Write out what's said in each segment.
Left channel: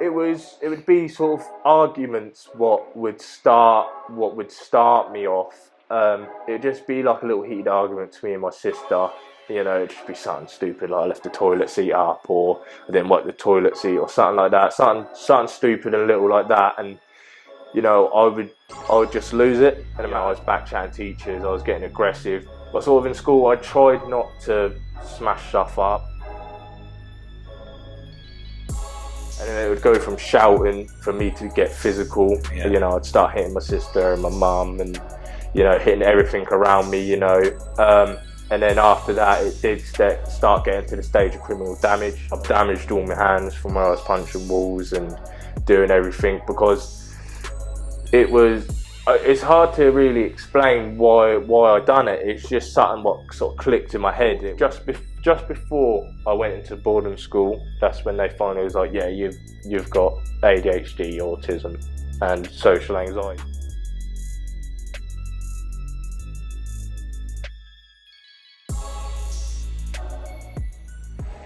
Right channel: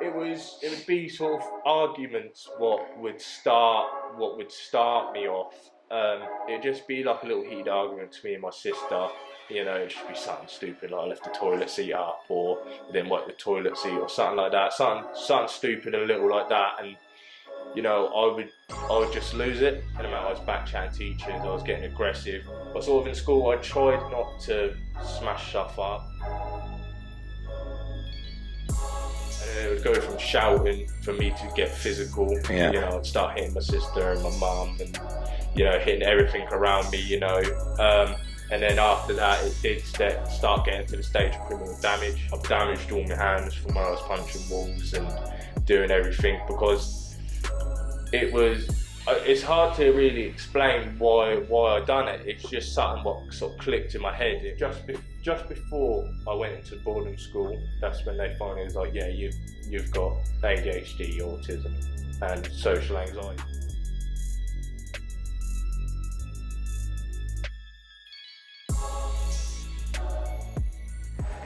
it would be sort of arguments what would start me off. It'd just be like a little heated argument between me and my sister. It'd just be something stupid like I left the toilet seat up, or I didn't wipe the toilet seat, or something like that. Something stupid and little like that, and I would just lose it. And the amount I was backchatting teachers, I was getting aggressive. But sort of in school, I tried not to smash stuff up. And then it would go from shouting for me to get physical. Yeah. I'd start hitting my sister and my mum, and hitting everything around me. And then after that, it did start getting to the stage of criminal damage. I've damaged all my hands from where I was punching walls and doing everything, because it's hard to really explain why I done it. It's just something what sort of clicked in my head. Just before I went into boarding school, that's when they finally was like, yeah, you've got ADHD, autism, and social anxiety.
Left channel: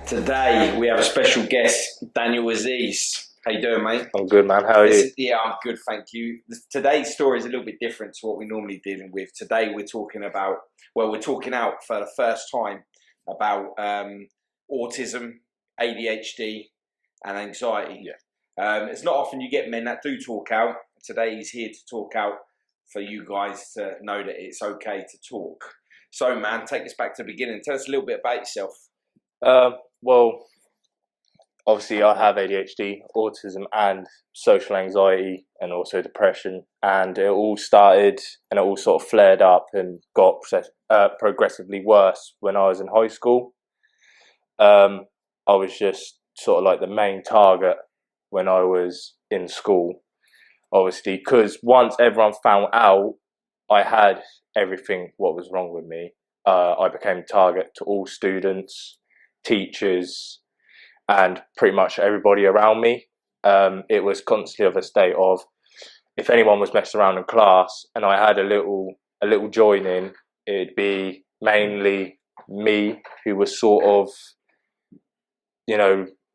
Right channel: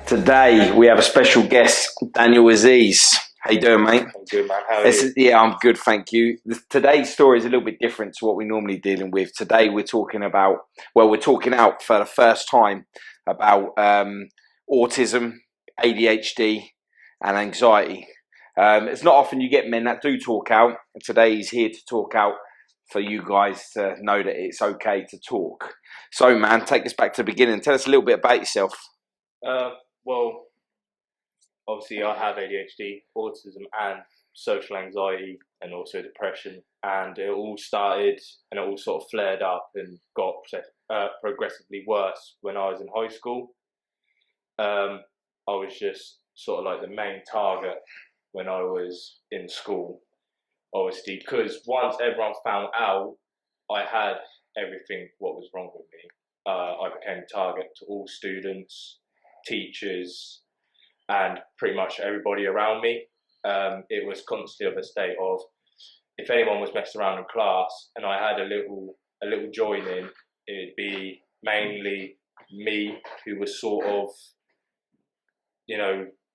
Today we have a special guest, Daniel Aziz. How you doing, mate? I'm good, man. How are you? Yeah, I'm good, thank you. Today's story is a little bit different to what we're normally dealing with. Today we're talking out for the first time about autism, ADHD, and anxiety. Yeah. It's not often you get men that do talk out, and today he's here to talk out for you guys to know that it's okay to talk. So, man, take us back to the beginning. Tell us a little bit about yourself. Well, obviously I have ADHD, autism, and social anxiety, and also depression. And it all started, and it all sort of flared up and got progressively worse when I was in high school. I was just sort of like the main target when I was in school, obviously, because once everyone found out I had everything what was wrong with me, I became a target to all students, teachers, and pretty much everybody around me. It was constantly of a state of, if anyone was messing around in class and I had a little join in, it'd be mainly me who was sort of,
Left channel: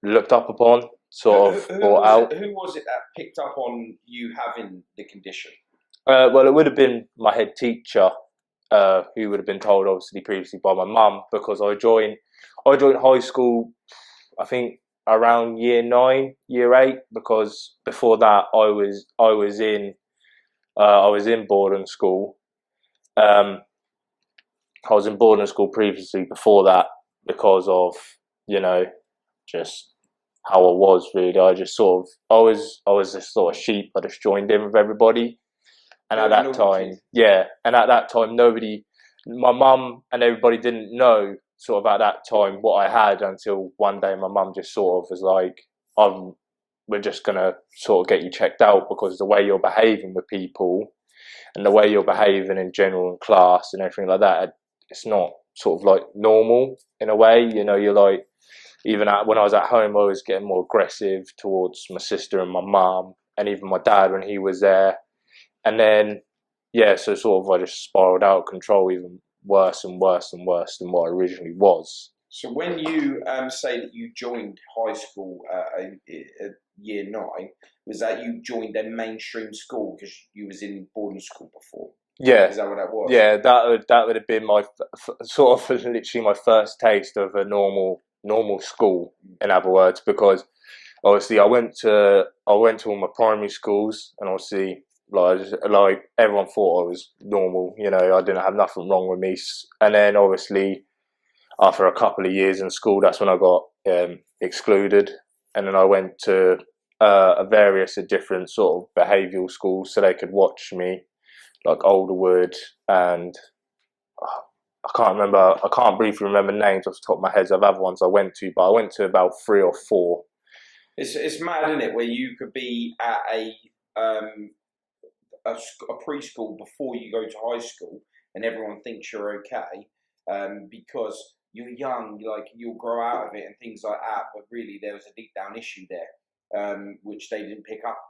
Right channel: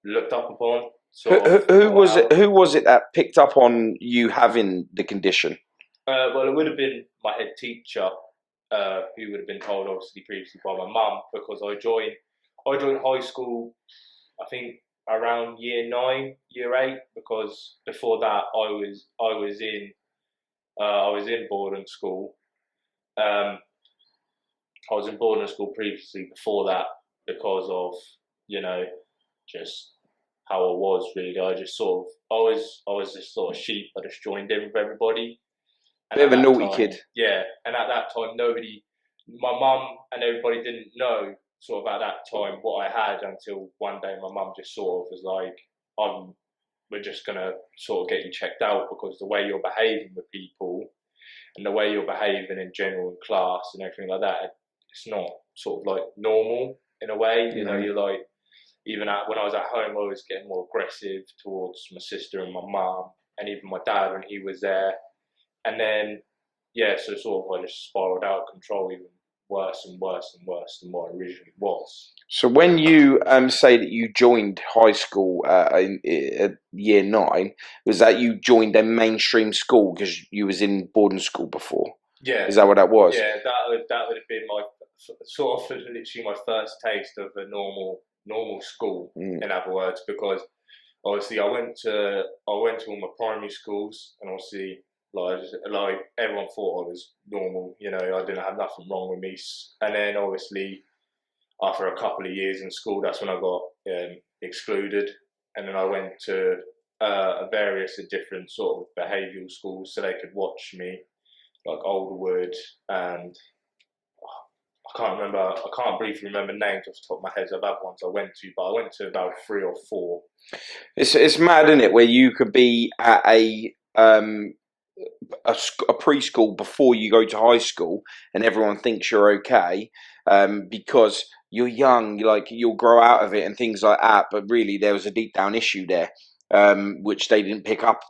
looked up upon. Who was it that picked up on you having the condition? Well, it would have been my head teacher, who would have been told, obviously, previously by my mum, because I joined high school, I think around year 9, year 8, because before that I was in boarding school. I was in boarding school previously before that, because of just how I was really. I was this sort of sheep. I just joined in with everybody. And bit of a naughty kid. Yeah, and at that time, my mum and everybody didn't know sort of at that time what I had, until one day my mum just sort of was like, we're just going to sort of get you checked out, because the way you're behaving with people and the way you're behaving in general in class and everything like that, it's not sort of like normal in a way. You're like, even when I was at home, I was getting more aggressive towards my sister and my mum, and even my dad when he was there. And then, so sort of I just spiraled out of control, even worse and worse and worse than what I originally was. So when you say that you joined high school in year 9, was that you joined a mainstream school because you was in boarding school before? Yeah. Is that what that was? Yeah, that would have been my sort of literally my first taste of a normal school, in other words, because obviously I went to all my primary schools, and obviously like everyone thought I was normal, I didn't have nothing wrong with me. And then obviously after a couple of years in school, that's when I got excluded, and then I went to various different sort of behavioural schools so they could watch me, like Alderwood, and I can't briefly remember names off the top of my head of other ones I went to, but I went to about 3 or 4. It's mad, isn't it, where you could be at a preschool before you go to high school, and everyone thinks you're okay, because you're young, you'll grow out of it and things like that. But really, there was a deep down issue there, which they didn't pick up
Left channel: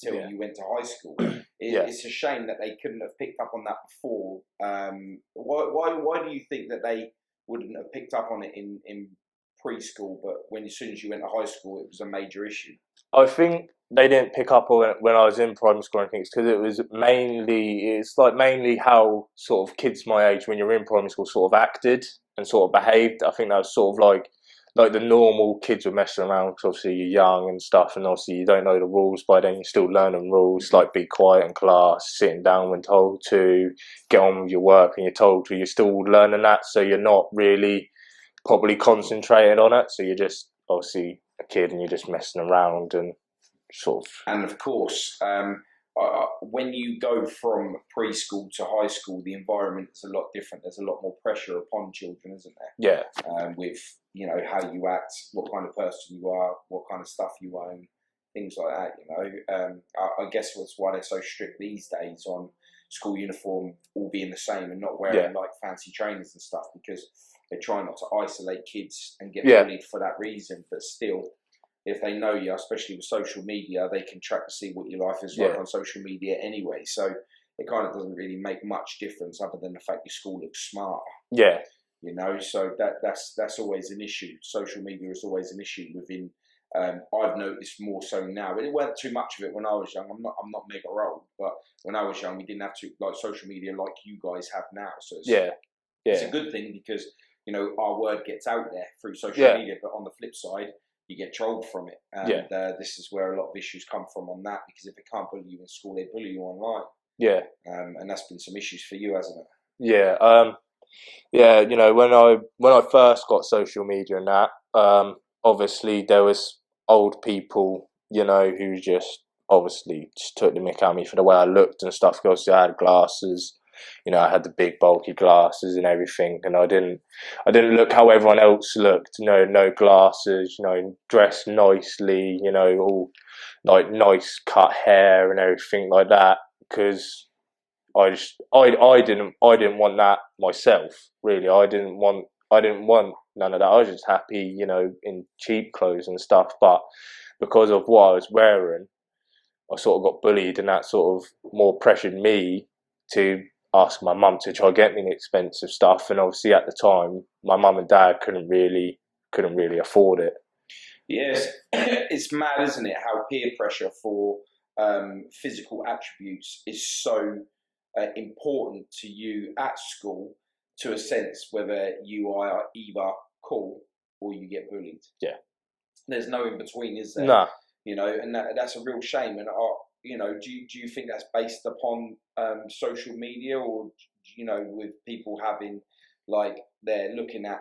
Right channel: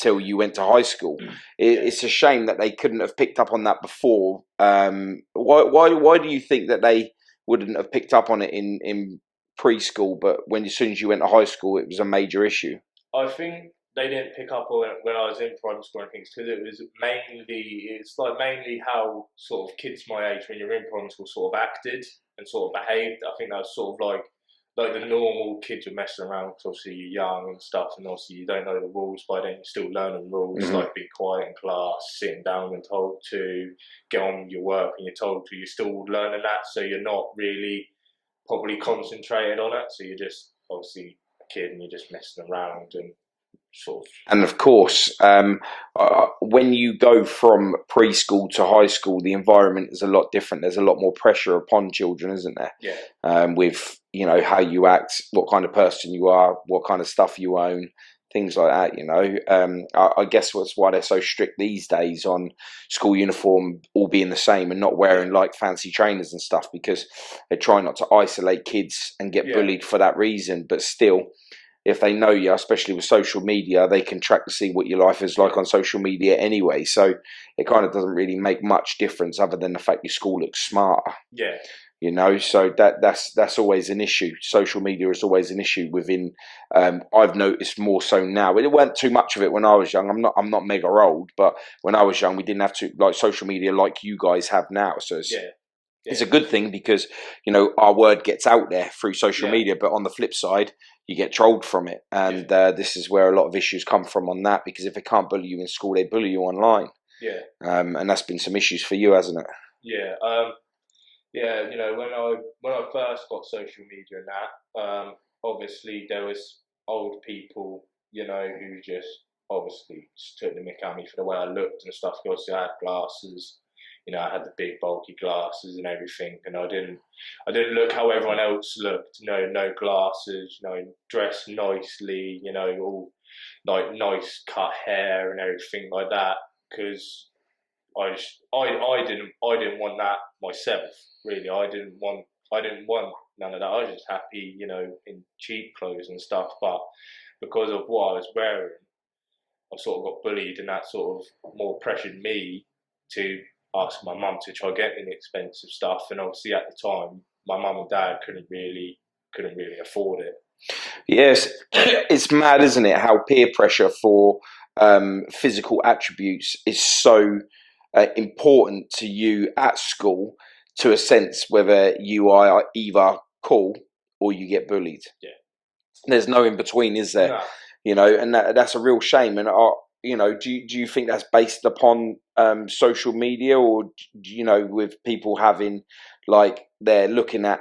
till you went to high school. It's a shame that they couldn't have picked up on that before. Why do you think that they wouldn't have picked up on it in preschool, but as soon as you went to high school, it was a major issue? I think they didn't pick up on it when I was in primary school. I think it's because it's like mainly how sort of kids my age when you're in primary school sort of acted and sort of behaved. I think that was sort of like the normal kids were messing around because obviously you're young and stuff, and obviously you don't know the rules. By then you're still learning rules, Hmm. like be quiet in class, sitting down when told to, get on with your work when you're told to. You're still learning that, so you're not really properly concentrated on it. So you're just obviously a kid and you're just messing around and sort of And of course, when you go from preschool to high school, the environment is a lot different. There's a lot more pressure upon children, isn't there? yeah, With how you act, what kind of person you are, what kind of stuff you own, things like that. I guess that's why they're so strict these days on school uniform all being the same and not yeah, wearing like fancy trainers and stuff, because they try not to isolate kids and get yeah, bullied for that reason. But still, if they know you, especially with social media, they can track to see what your life is like yeah, on social media anyway. So it kind of doesn't really make much difference other than the fact your school looks smarter. yeah, So that's always an issue. Social media is always an issue within. I've noticed more so now. It weren't too much of it when I was young. I'm not mega old, but when I was young, we didn't have to like social media like you guys have now. So yeah, it's yeah, a good thing because our word gets out there through social yeah, media. But on the flip side, you get trolled from it, yeah, and this is where a lot of issues come from on that. Because if they can't bully you in school, they bully you online, yeah, and that's been some issues for you, hasn't it? yeah. Yeah. When I first got social media and that, obviously there was old people, who just obviously just took the mick out of me for the way I looked and stuff. Because I had glasses, I had the big bulky glasses and everything, and I didn't look how everyone else looked. No glasses, dressed nicely, all like nice cut hair and everything like that. Because I didn't want that myself. Really, I didn't want none of that. I was just happy, in cheap clothes and stuff. But because of what I was wearing, I sort of got bullied, and that sort of more pressured me to ask my mum to try get me expensive stuff. And obviously at the time, my mum and dad couldn't really afford it. Yes, it's mad, isn't it? How peer pressure for physical attributes is so important to you at school, to a sense whether you are either cool or you get bullied. Yeah. There's no in between, is there? No. And that's a real shame. And do you think that's based upon social media, or with people having like they're looking at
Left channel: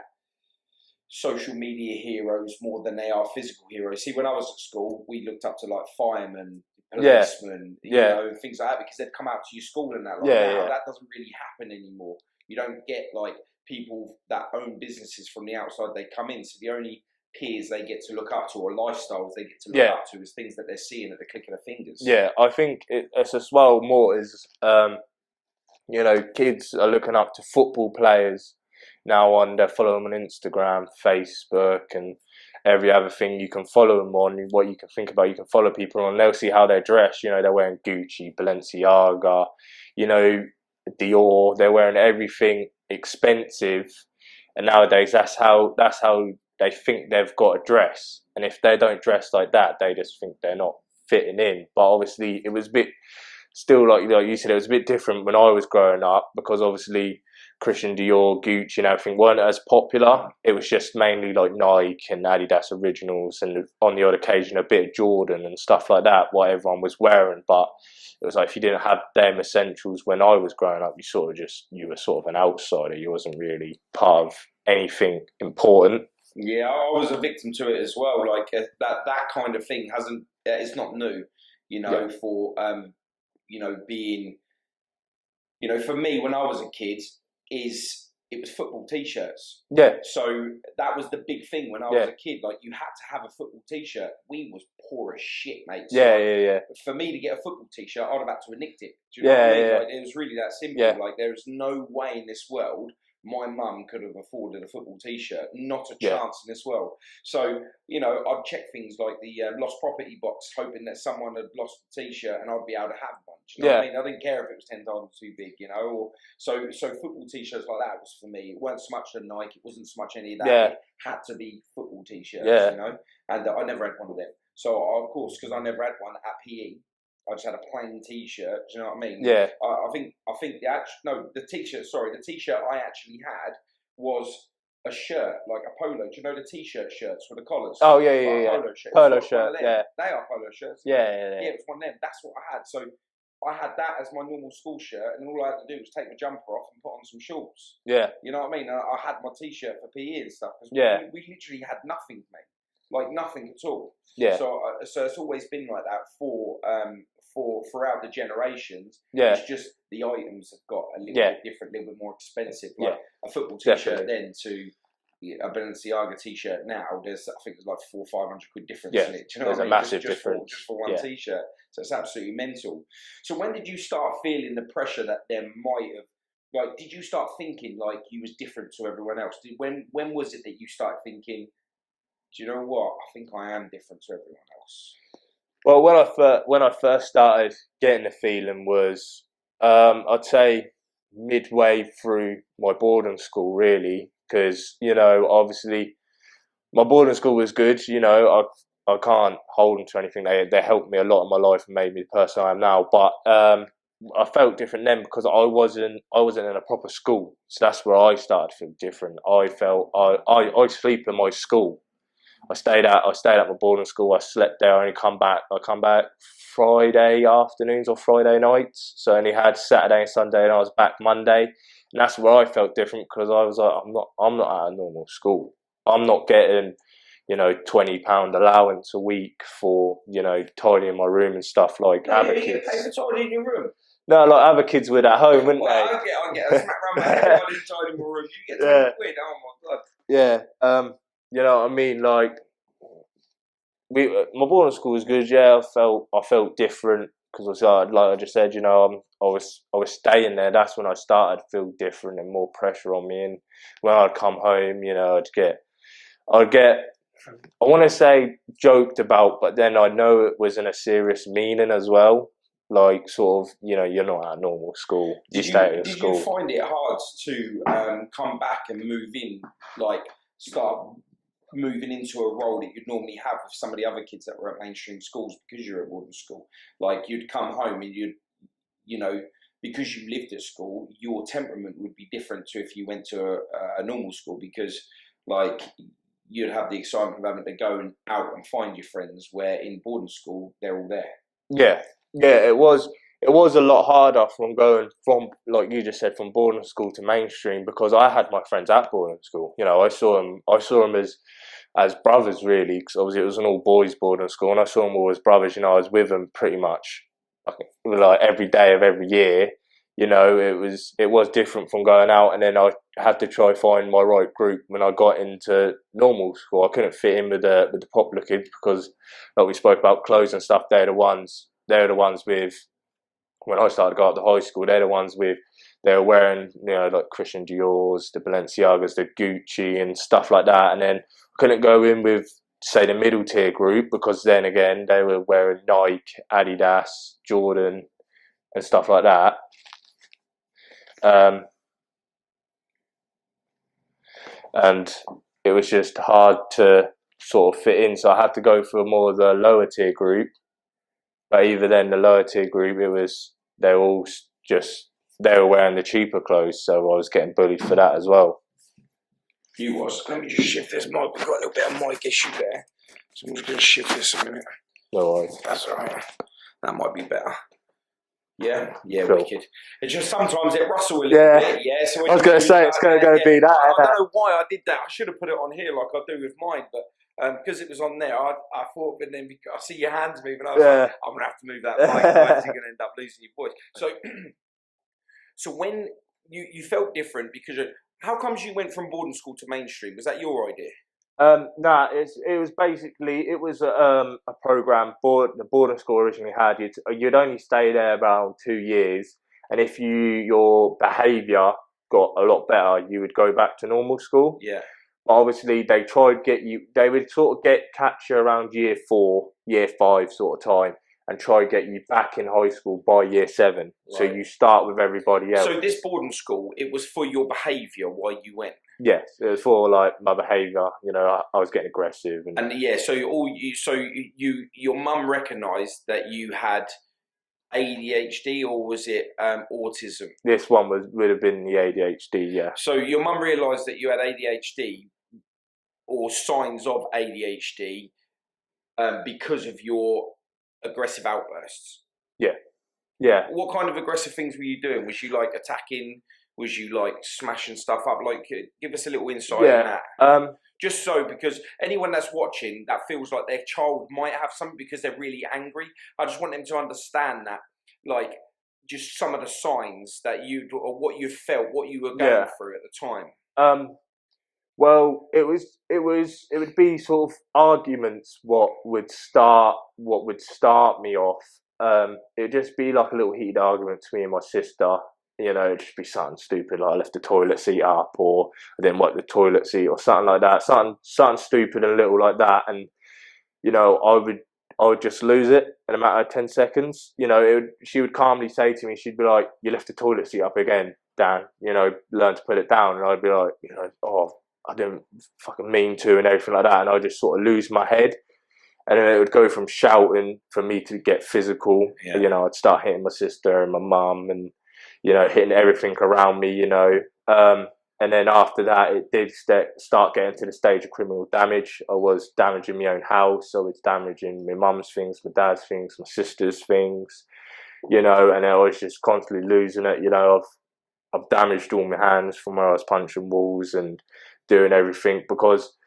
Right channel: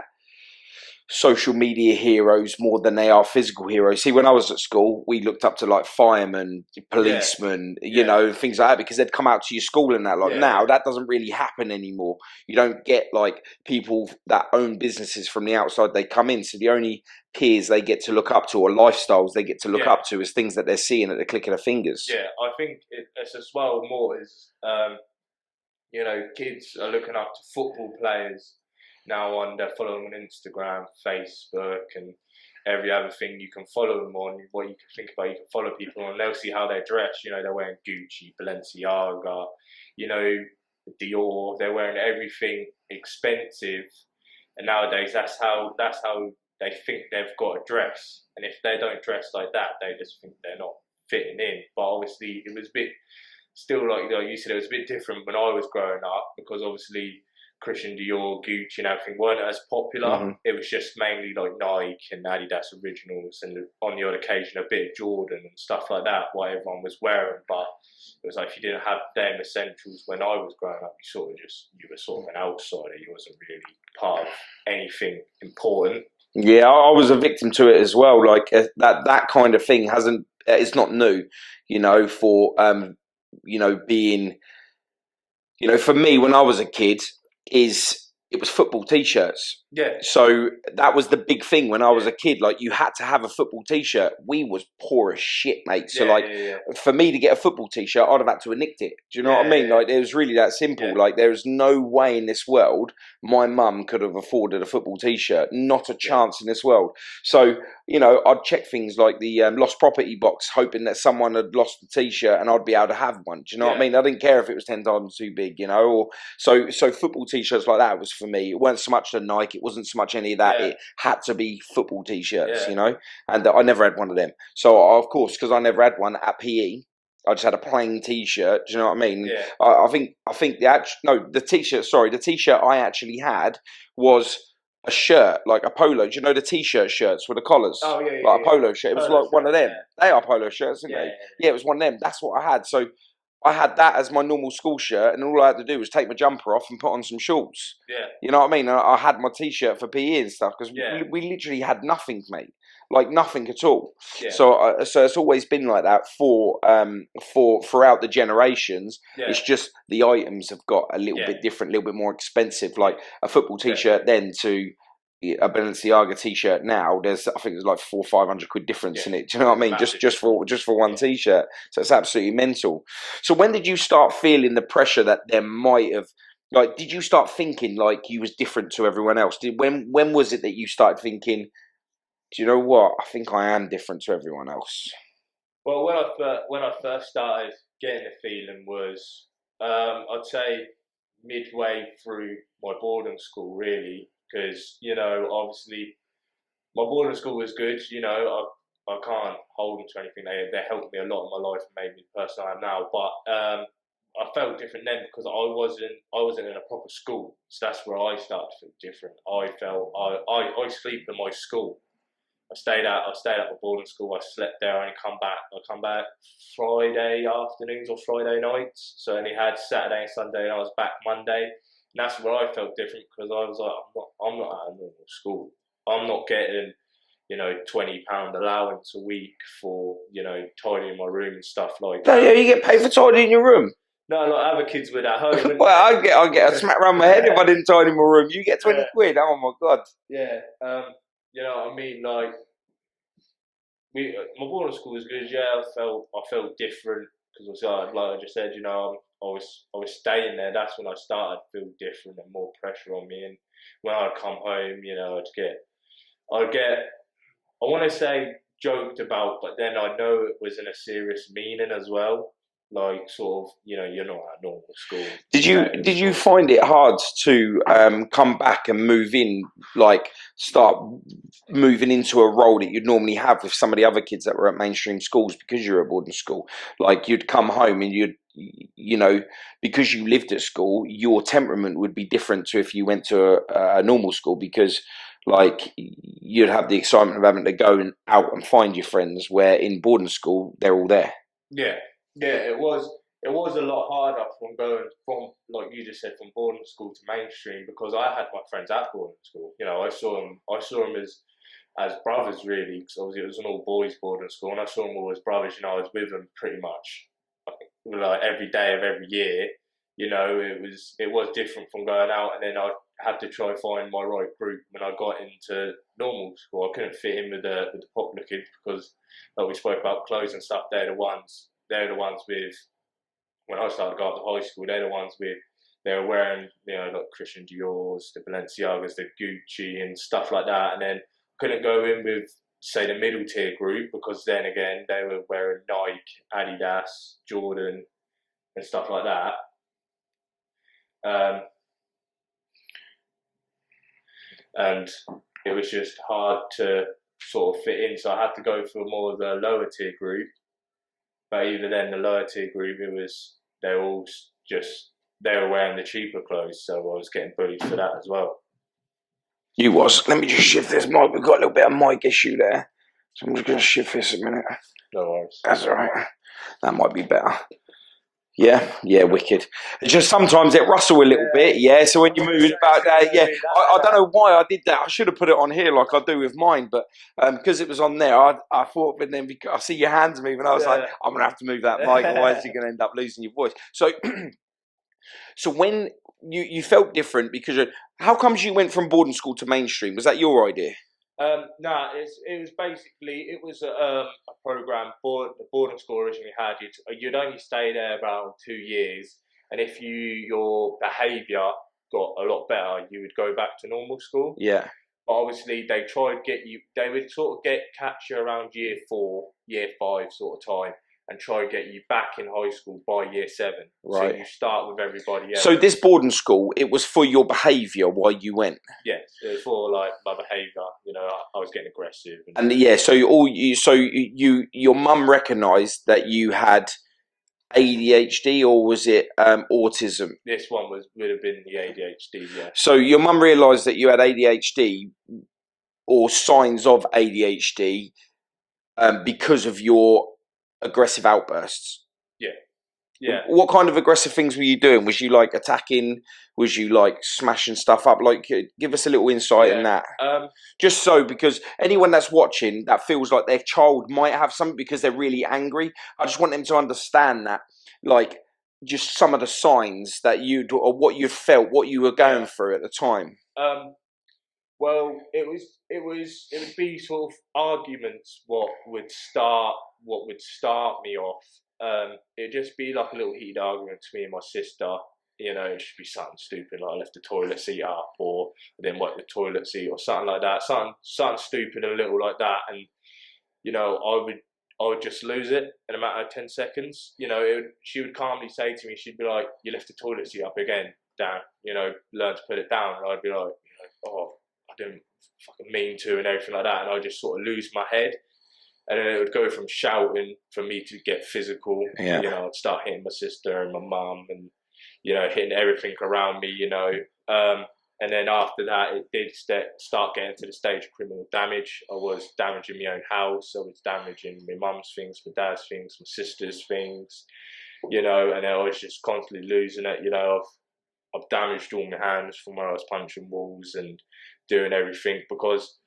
social media heroes more than they are physical heroes? See, when I was at school, we looked up to like firemen, Yeah. policemen, Yeah. things like that, because they'd come out to your school and that. Like Yeah. now, Yeah. that doesn't really happen anymore. You don't get like people that own businesses from the outside. They come in, so the only peers they get to look up to, or lifestyles they get to look Yeah. up to, is things that they're seeing at the click of their fingers. Yeah. I think it's as well more is kids are looking up to football players now on. They're following them on Instagram, Facebook, and every other thing you can follow them on. What you can think about, you can follow people on. They'll see how they dress. They're wearing Gucci, Balenciaga, you know, Dior. They're wearing everything expensive, and nowadays that's how they think they've got to dress. And if they don't dress like that, they just think they're not fitting in. But obviously, it was a bit still like you said, it was a bit different when I was growing up because obviously Christian Dior, Gucci, and everything weren't as popular. Hmm. It was just mainly like Nike and Adidas Originals, and on the odd occasion a bit of Jordan and stuff like that. What everyone was wearing, but it was like if you didn't have them essentials when I was growing up, you were sort of an outsider. You wasn't really part of anything important. Yeah, I was a victim to it as well. Like that kind of thing hasn't. It's not new, Yeah, for being, for me when I was a kid, it was football t-shirts. yeah, So that was the big thing when I was yeah, a kid. Like you had to have a football t-shirt. We was poor as shit, mate. So yeah, like yeah, yeah, for me to get a football t-shirt, I'd have had to have nicked it. Do you know what I yeah, mean? yeah, Like it was really that yeah, simple. Like there's no way in this world my mum could have afforded a football t-shirt. Not a yeah, chance in this world. So I'd check things like the lost property box, hoping that someone had lost the T-shirt and I'd be able to have one. Do you know what I mean? I didn't care if it was 10 times too big, or so football T-shirts like that was for me. It wasn't so much the Nike, it wasn't so much any of that. Yeah. It had to be football T-shirts, Yeah. and I never had one of them. So of course, because I never had one at PE, I just had a plain T-shirt. Do you know what I mean? Yeah. I think the T-shirt. Sorry, the T-shirt I actually had was a shirt, like a polo. Do you know the T-shirt shirts with the collars? Oh yeah, like a polo shirt. It was like one of them. Yeah. They are polo shirts, aren't they? Yeah, it was one of them. That's what I had. So I had that as my normal school shirt, and all I had to do was take my jumper off and put on some shorts. Yeah. You know what I mean? I had my T-shirt for PE and stuff because we literally had nothing, mate. Like nothing at all. Yeah. So it's always been like that for throughout the generations. Yeah. It's just the items have got a little bit different, a little bit more expensive. Like a football T-shirt then to a Balenciaga T-shirt now. I think there's like 400 or 500 quid difference in it. Do you know what I mean? Just for one T-shirt. So it's absolutely mental. So when did you start feeling the pressure that there might have? Like, did you start thinking like you was different to everyone else? When was it that you started thinking, do you know what? I think I am different to everyone else. Well, when I first started getting the feeling was, I'd say midway through my boarding school, really, because obviously my boarding school was good. I can't hold them to anything. They helped me a lot in my life and made me the person I am now. But I felt different then because I wasn't in a proper school, so that's where I started to feel different. I felt I sleep in my school. I stayed at my boarding school. I slept there. I come back Friday afternoons or Friday nights. So I only had Saturday and Sunday, and I was back Monday. And that's where I felt different because I was like, I'm not at a normal school. I'm not getting, £20 allowance a week for tidying my room and stuff like that. Yeah, you get paid for tidying your room. No, like other kids would at home. Well, I get a smack around my head if I didn't tidy my room. You get 20 quid. Oh my god. Yeah. You know what I mean? Like, my boarding school was good. Yeah, I felt different because like I just said, I was staying there. That's when I started to feel different and more pressure on me. And when I'd come home, I'd get. I want to say joked about, but then I know it was in a serious meaning as well. Like sort of, you're not at normal school. Did you find it hard to come back and move in, like start moving into a role that you'd normally have with some of the other kids that were at mainstream schools because you're at boarding school? Like you'd come home and because you lived at school, your temperament would be different to if you went to a normal school because like you'd have the excitement of having to go out and find your friends, where in boarding school they're all there. Yeah, it was a lot harder from going from, like you just said, from boarding school to mainstream because I had my friends at boarding school. I saw them as brothers really, because obviously it was an all boys boarding school, and I saw them all as brothers. I was with them pretty much like every day of every year. It was different from going out, and then I had to try find my right group when I got into normal school. I couldn't fit in with the popular kids because, like we spoke about, clothes and stuff. They're the ones with, when I started to go up to high school, they're the ones with, they were wearing, like Christian Dior's, the Balenciagas, the Gucci and stuff like that. And then I couldn't go in with, say, the middle tier group because then again, they were wearing Nike, Adidas, Jordan and stuff like that. And it was just hard to sort of fit in. So I had to go for more of the lower tier group. But even then, the lower tier group, they were wearing the cheaper clothes, so I was getting bullied for that as well. You was. Let me just shift this mic. We've got a little bit of mic issue there, so I'm just going to shift this a minute. No worries. That's all right. That might be better. Yeah, sure. Wicked. It's just sometimes it rustle a little bit, so when you move back, I don't know why I did that. I should have put it on here like I do with mine, but because it was on there, I thought, but then because I see your hands moving, I was like, I'm gonna have to move that mic, otherwise you're gonna end up losing your voice. So, so when you felt different because how comes you went from boarding school to mainstream? Was that your idea? No, it was basically a program the boarding school originally had. You'd only stay there about 2 years, and if your behaviour got a lot better, you would go back to normal school. Yeah. But obviously, they would sort of catch you around year 4, year 5 sort of time, and try to get you back in high school by year 7. So Right. you start with everybody else. So this boarding school, it was for your behaviour while you went. Yes, it was for like my behaviour. I was getting aggressive, And yeah, so your mum recognised that you had ADHD, or was it autism? this one would have been the ADHD. Yeah. So your mum realised that you had ADHD or signs of ADHD because of your aggressive outbursts. Yeah. Yeah. What kind of aggressive things were you doing? Was you like attacking? Was you like smashing stuff up? Like, give us a little insight in that. Just so, because anyone that's watching that feels like their child might have something because they're really angry, I just want them to understand that, like, just some of the signs that or what you felt, what you were going through at the time. Well, it would be sort of arguments what would start me off. It'd just be like a little heated argument between me and my sister. It'd just be something stupid, like I left the toilet seat up, or I didn't wipe the toilet seat, or something like that. Something stupid and little like that, and I would just lose it in a matter of 10 seconds. She would calmly say to me, she'd be like, "You left the toilet seat up again, Dan. Learn to put it down." And I'd be like, "Oh, I didn't fucking mean to," and everything like that. And I'd just sort of lose my head. And then it would go from shouting for me to get physical. Yeah. I'd start hitting my sister and my mum and, hitting everything around me, And then after that, it did start getting to the stage of criminal damage. I was damaging my own house. I was damaging my mum's things, my dad's things, my sister's things, and I was just constantly losing it. I've damaged all my hands from where I was punching walls and doing everything, because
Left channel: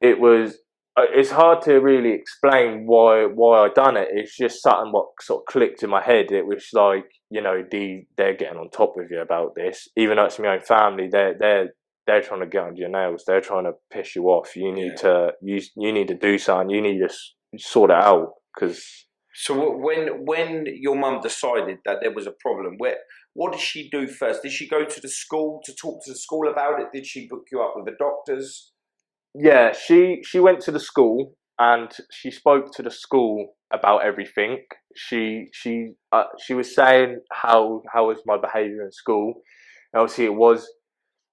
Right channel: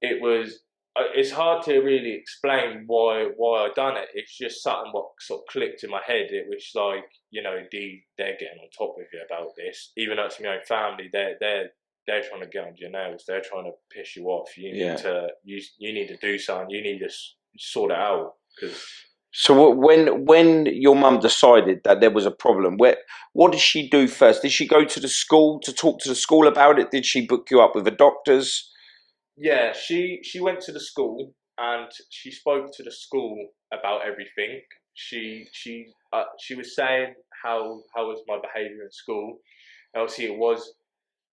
it's hard to really explain why I done it. It's just something what sort of clicked in my head. It was like, they're getting on top of you about this, even though it's my own family. They're trying to get under your nails. They're trying to piss you off. You need to you need to do something. You need to sort it out. Because so when your mum decided that there was a problem, what did she do first? Did she go to the school to talk to the school about it? Did she book you up with the doctors? Yeah, she went to the school and she spoke to the school about everything. She was saying how was my behaviour in school. And obviously it was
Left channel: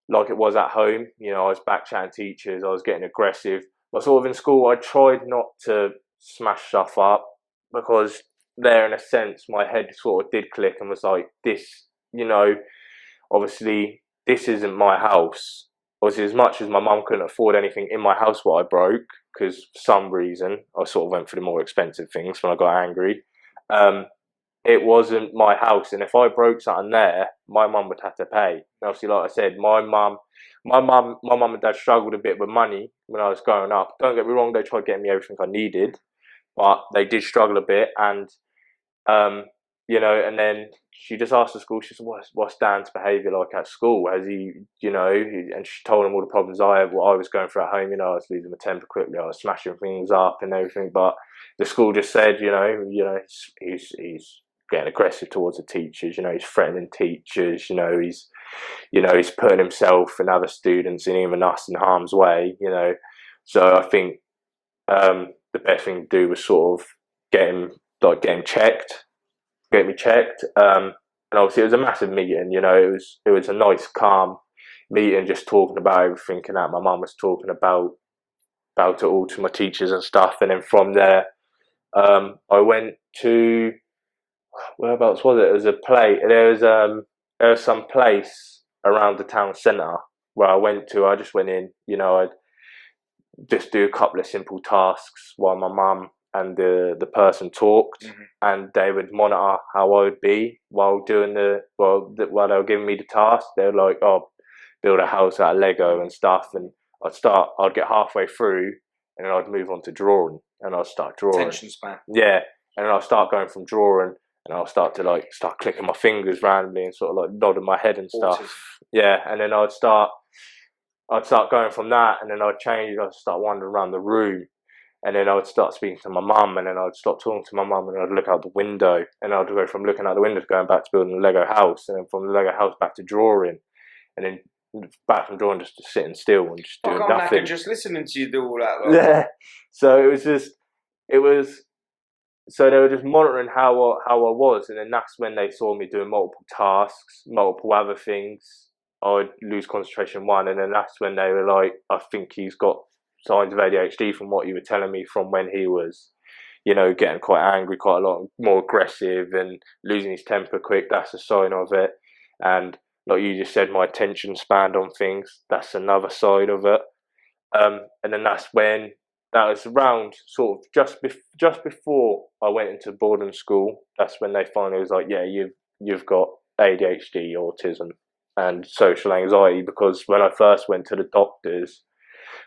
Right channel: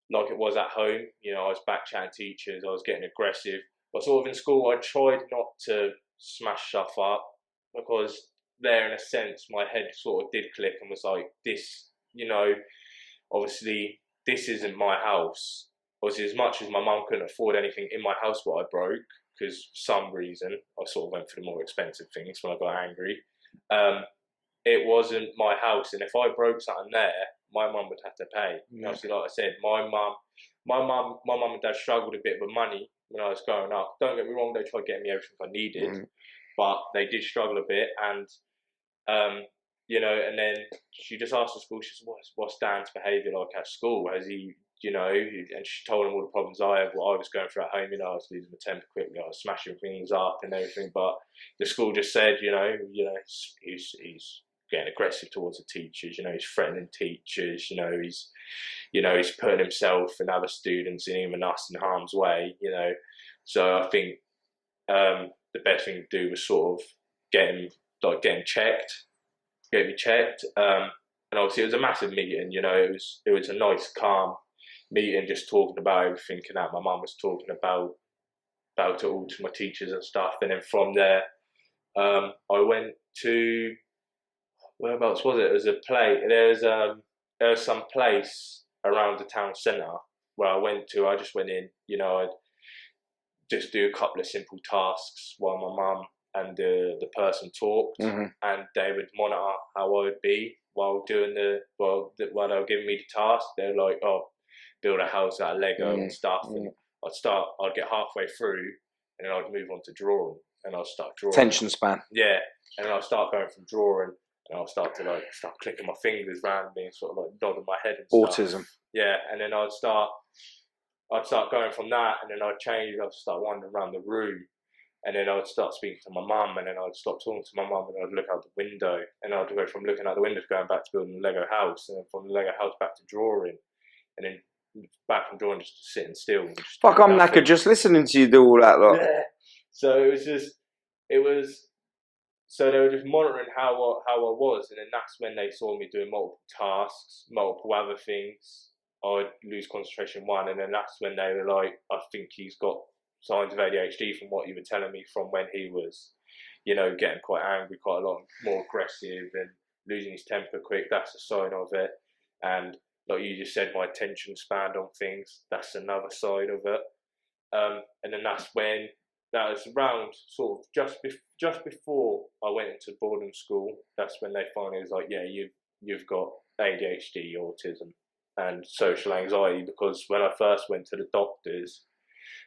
like it was at home. I was back chatting teachers. I was getting aggressive. But sort of in school, I tried not to smash stuff up, because there, in a sense, my head sort of did click and was like, this, obviously this isn't my house. Obviously, as much as my mum couldn't afford anything in my house what I broke, because for some reason I sort of went for the more expensive things when I got angry, it wasn't my house. And if I broke something there, my mum would have to pay. And obviously, like I said, my mum and dad struggled a bit with money when I was growing up. Don't get me wrong, they tried getting me everything I needed, but they did struggle a bit. And and then she just asked the school, she said, what's Dan's behaviour like at school? Has he, and she told him all the problems what I was going through at home. I was losing my temper quickly, I was smashing things up and everything. But the school just said, he's getting aggressive towards the teachers, he's threatening teachers, he's putting himself and other students and even us in harm's way, So I think the best thing to do was sort of get me checked. And obviously it was a massive meeting. It was a nice, calm meeting, just talking about everything and that. My mum was talking about it all to my teachers and stuff. And then from there, I went to, whereabouts was it? It was a play. There was some place around the town centre where I went to. I just went in. I'd just do a couple of simple tasks while my mum and the person talked, and they would monitor how I would be while doing while they were giving me the task. They were like, "Oh, build a house out of Lego and stuff," and I'd get halfway through, and then I'd move on to drawing, and I'd start drawing. Attention span. Yeah, and then I'll start going from drawing, and I'll start to start clicking my fingers randomly and sort of nodding my head and stuff. Autism. Yeah, and then I'd start going from that, and then I'd change. I'd start wandering around the room, and then I would start speaking to my mum, and then I'd stop talking to my mum, and I'd look out the window, and I'd go from looking out the window to going back to building a Lego house, and then from the Lego house back to drawing, and then back from drawing just sitting still and just Fuck, doing I'm nothing. knackered just listening to you do all that. Lot. Yeah. So it was. So they were just monitoring how I was, and then that's when they saw me doing multiple tasks, multiple other things. I'd lose concentration one, and then that's when they were like, "I think he's got signs of ADHD from what you were telling me from when he was, getting quite angry, quite a lot more aggressive, and losing his temper quick. That's a sign of it." And like you just said, my attention span on things. That's another side of it. And then that was around sort of just before I went into boarding school. That's when they finally was like, yeah, you've got ADHD, autism, and social anxiety. Because when I first went to the doctors,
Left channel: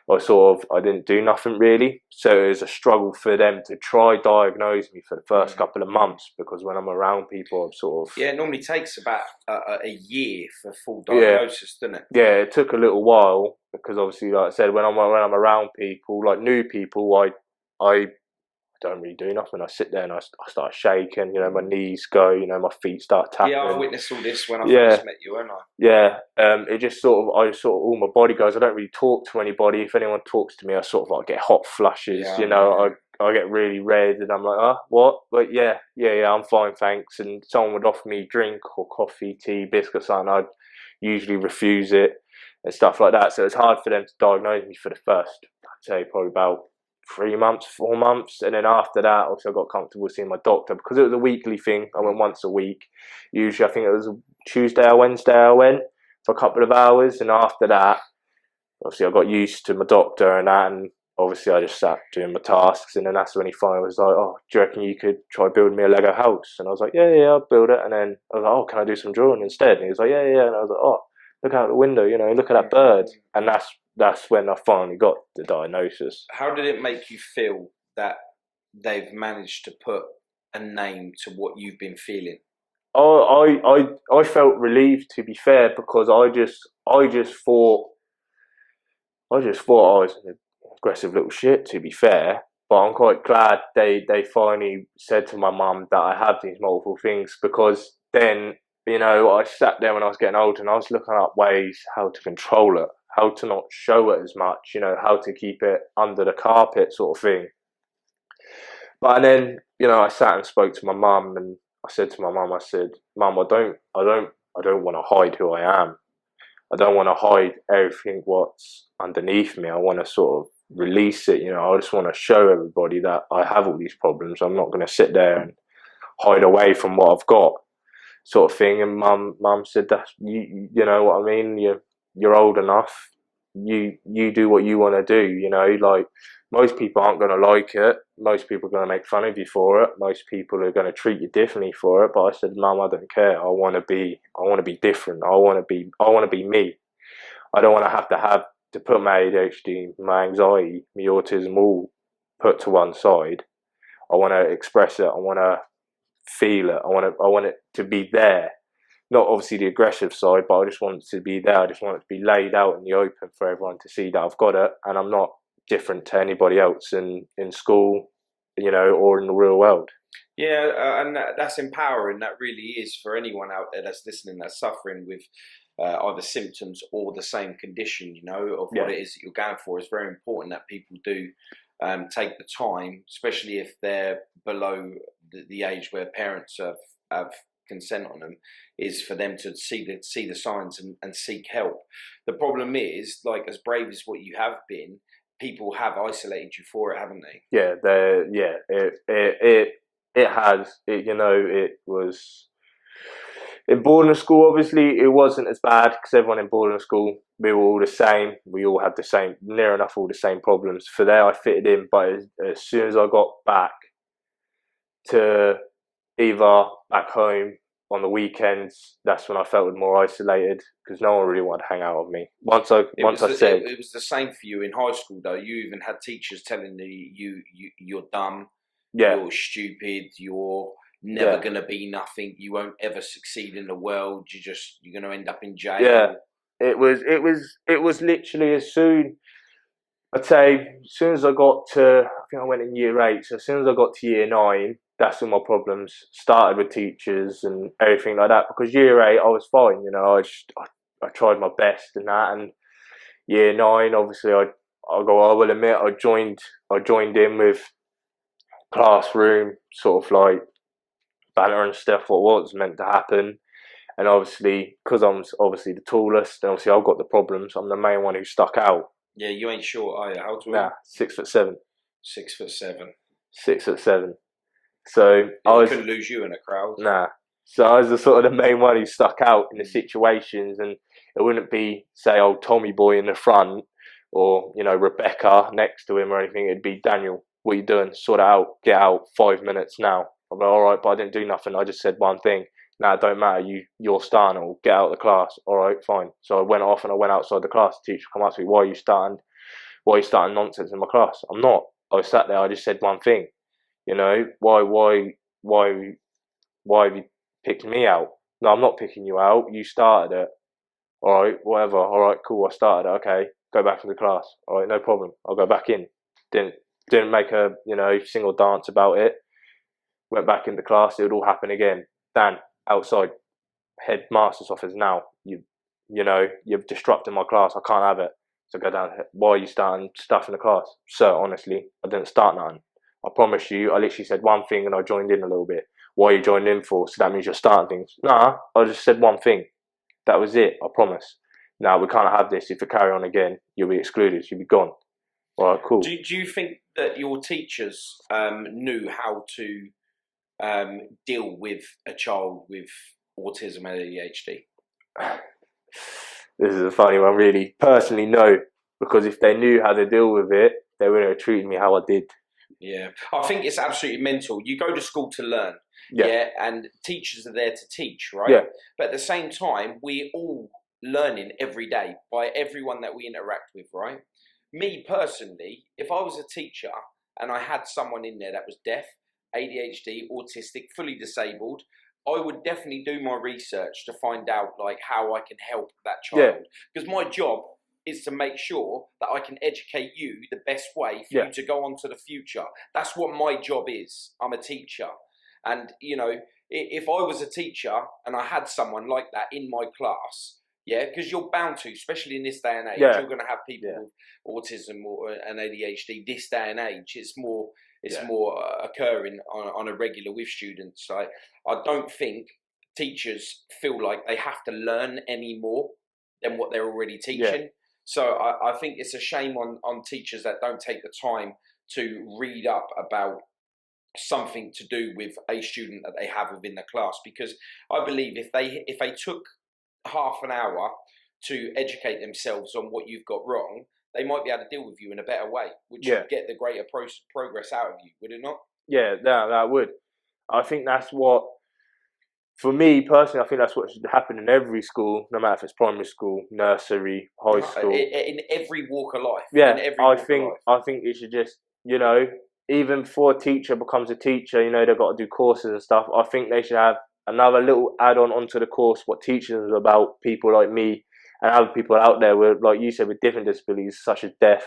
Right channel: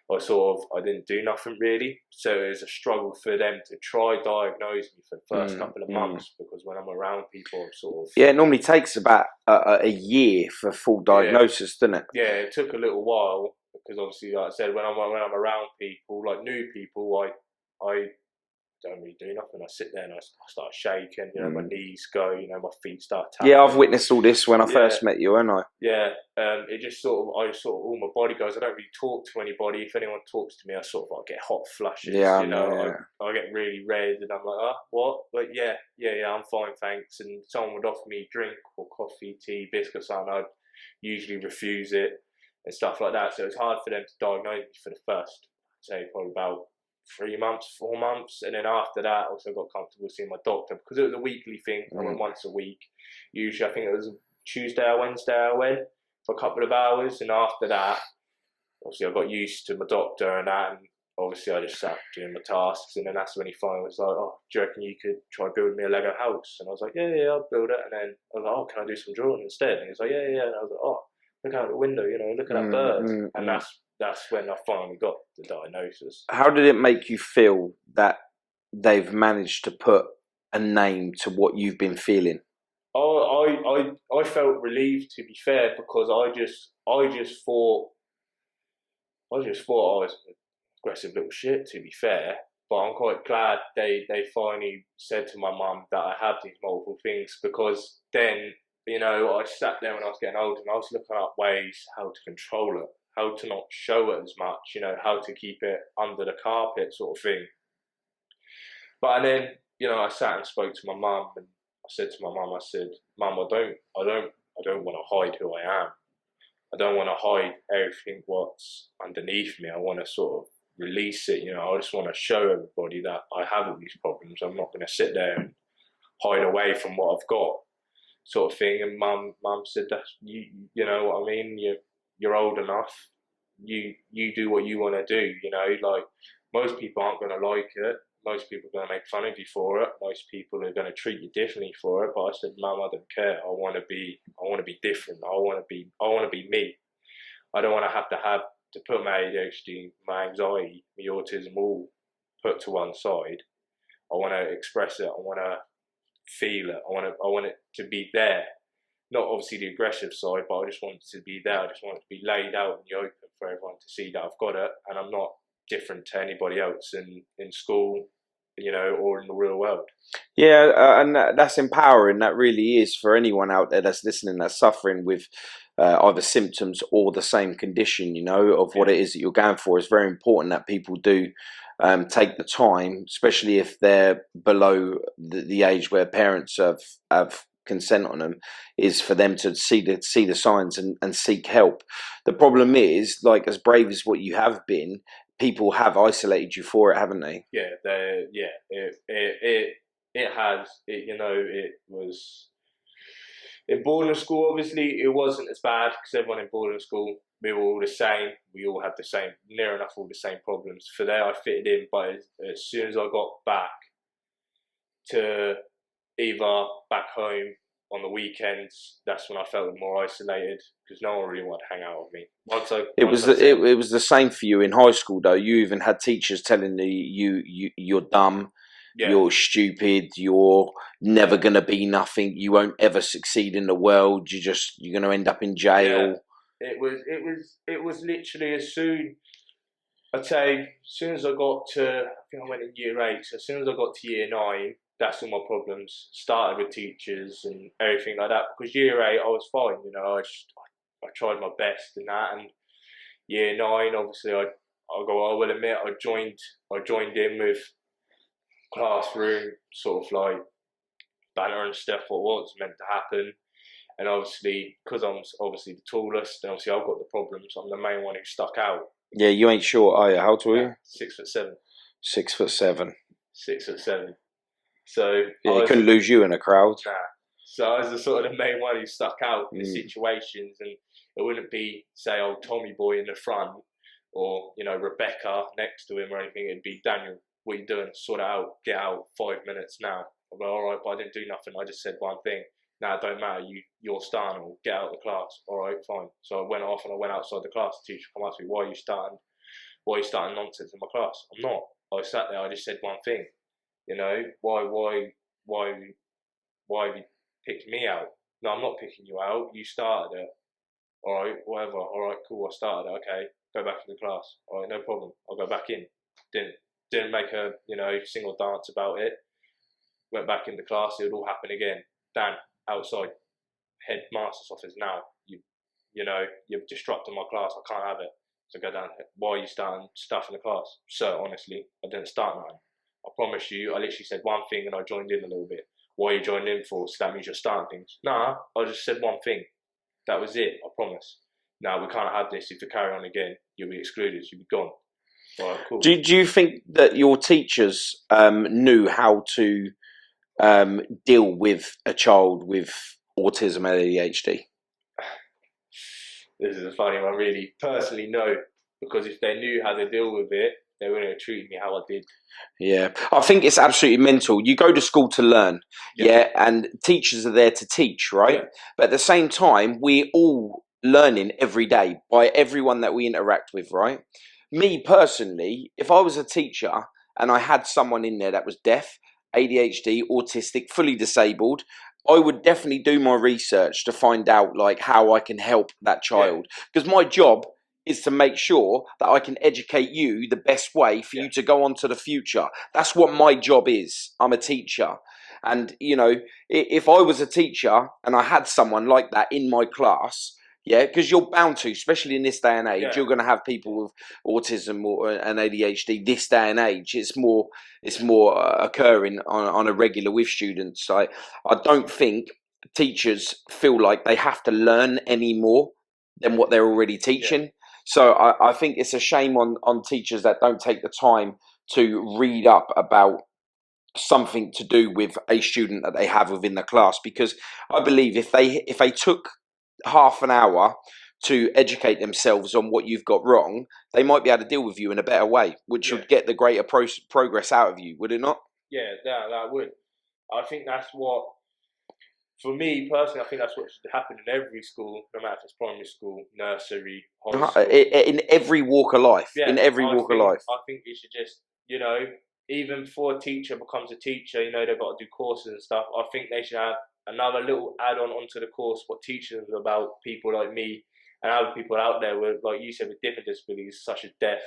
I didn't do nothing really. So it was a struggle for them to try diagnose me for the first couple of months, because when I'm around people, I'm sort of Yeah, it normally takes about a year for full yeah. diagnosis, doesn't it? Yeah, it took a little while because obviously, like I said, when I'm around people, like new people, I don't really do nothing. I sit there and I start shaking. My knees go. My feet start tapping. Yeah, I've witnessed all this when I first met you, haven't I? Yeah, it just all my body goes. I don't really talk to anybody. If anyone talks to me, I sort of like get hot flushes. Yeah, I get really red, and I'm like, oh, what? But yeah, I'm fine, thanks. And someone would offer me drink or coffee, tea, biscuits, and I'd usually refuse it and stuff like that. So it's hard for them to diagnose me for the first, I'd say, probably about 3 months, 4 months, and then after that, also I got comfortable seeing my doctor because it was a weekly thing. I went once a week. Usually, I think it was a Tuesday or Wednesday. I went for a couple of hours, and after that, obviously, I got used to my doctor and that, and obviously, I just sat doing my tasks, and then that's when he finally was like, "Oh, do you reckon you could try building me a Lego house?" And I was like, "Yeah, I'll build it." And then I was like, "Oh, can I do some drawing instead?" And he was like, "Yeah." And I was like, "Oh, look out the window, look at that bird." And that's when I finally got the diagnosis. How did it make you feel that they've managed to put a name to what you've been feeling? I felt relieved, to be fair, because I just thought I was an aggressive little shit, to be fair. But I'm quite glad they finally said to my mum that I have these multiple things, because then, I sat there when I was getting older and I was looking up ways how to control it, how to not show it as much, how to keep it under the carpet sort of thing. But then, I sat and spoke to my mum, and I said to my mum, I said, "Mum, I don't want to hide who I am. I don't want to hide everything what's underneath me. I want to sort of release it. I just want to show everybody that I have all these problems. I'm not going to sit there and hide away from what I've got," sort of thing. And mum said, "That's you know what I mean. You're old enough. You do what you want to do. Like most people aren't going to like it. Most people are going to make fun of you for it. Most people are going to treat you differently for it." But I said, "Mum, I don't care. I want to be different. I want to be me. I don't want to have to put my ADHD, my anxiety, my autism all put to one side. I want to express it. I want to feel it. I want it to be there. Not obviously the aggressive side, but I just want it to be there. I just want it to be laid out in the open for everyone to see that I've got it, and I'm not different to anybody else in school, or in the real world." Yeah, and that's empowering. That really is for anyone out there that's listening, that's suffering with either symptoms or the same condition, of what it is that you're going for. It's very important that people do take the time, especially if they're below the age where parents have consent on them, is for them to see the signs and seek help. The problem is, like, as brave as what you have been, people have isolated you for it, haven't they? Yeah, it has. It was in boarding school. Obviously, it wasn't as bad because everyone in boarding school, we were all the same. We all had the same, near enough all the same problems. For there, I fitted in, but as soon as I got back to either back home on the weekends, that's when I felt more isolated because no one really wanted to hang out with me. It was the same for you in high school, though. You even had teachers telling you're dumb, you're stupid, you're never gonna be nothing, you won't ever succeed in the world, you're gonna end up in jail. Yeah, it was literally I'd say as soon as I got to, I think I went in year 8, so as soon as I got to year 9, that's when my problems started with teachers and everything like that. Because year 8, I was fine, I tried my best and that. And year 9, obviously, I will admit, I joined in with classroom sort of like banter and stuff. What was meant to happen. And obviously, because I'm obviously the tallest, and obviously I've got the problems. I'm the main one who stuck out. Yeah, you ain't short, are you? How tall are you? 6'7". 6'7". 6'7". So yeah, I couldn't lose you in a crowd. Nah. So I was the sort of the main one who stuck out in the situations, and it wouldn't be say old Tommy boy in the front or Rebecca next to him or anything. It'd be Daniel. What are you doing? Sort it out. Get out. 5 minutes now. I'm like, all right, but I didn't do nothing. I just said one thing. Nah, it don't matter. You're starting. Or get out of the class. All right, fine. So I went off and I went outside the class. The teacher come up to me. Why are you starting? Why are you starting nonsense in my class? I'm not. I sat there. I just said one thing. Why have you picked me out? No, I'm not picking you out. You started it. All right, whatever. All right, cool. I started it. Okay, go back into the class. All right, no problem. I'll go back in. Didn't make a single dance about it. Went back into class. It would all happen again. Dan, outside. Headmaster's office now. You've disrupted my class. I can't have it. So go down. Why are you starting stuff in the class? Sir, honestly, I didn't start nothing. I promise you, I literally said one thing and I joined in a little bit. Why are you joined in for? So that means you're starting things. Nah, I just said one thing. That was it, I promise. Now, we can't have this. If you carry on again, you'll be excluded. You'll be gone. All right, cool. Do you think that your teachers knew how to deal with a child with autism and ADHD? This is a funny one, really. Personally, no. Because if they knew how to deal with it, they wouldn't have treated me how I did. Yeah, I think it's absolutely mental. You go to school to learn, yeah, and teachers are there to teach, right? Yeah. But at the same time, we're all learning every day by everyone that we interact with, right? Me personally, if I was a teacher and I had someone in there that was deaf, ADHD, autistic, fully disabled, I would definitely do my research to find out like how I can help that child. Because my job is to make sure that I can educate you the best way for you to go on to the future. That's what my job is. I'm a teacher. And, if I was a teacher and I had someone like that in my class, yeah, because you're bound to, especially in this day and age, you're going to have people with autism and ADHD this day and age. It's more occurring on a regular with students. I don't think teachers feel like they have to learn any more than what they're already teaching. Yeah. So I think it's a shame on teachers that don't take the time to read up about something to do with a student that they have within the class, because I believe if they took half an hour to educate themselves on what you've got wrong, they might be able to deal with you in a better way, which would get the greater progress out of you, would it not? Yeah, that would. I think that's what, for me personally, I think that's what should happen in every school, no matter if it's primary school, nursery, high school. In every walk of life. Yeah, in every walk of life. I think it should just, even before a teacher becomes a teacher, they've got to do courses and stuff. I think they should have another little add-on onto the course, what teaching is about people like me and other people out there with, like you said, with different disabilities such as deaf,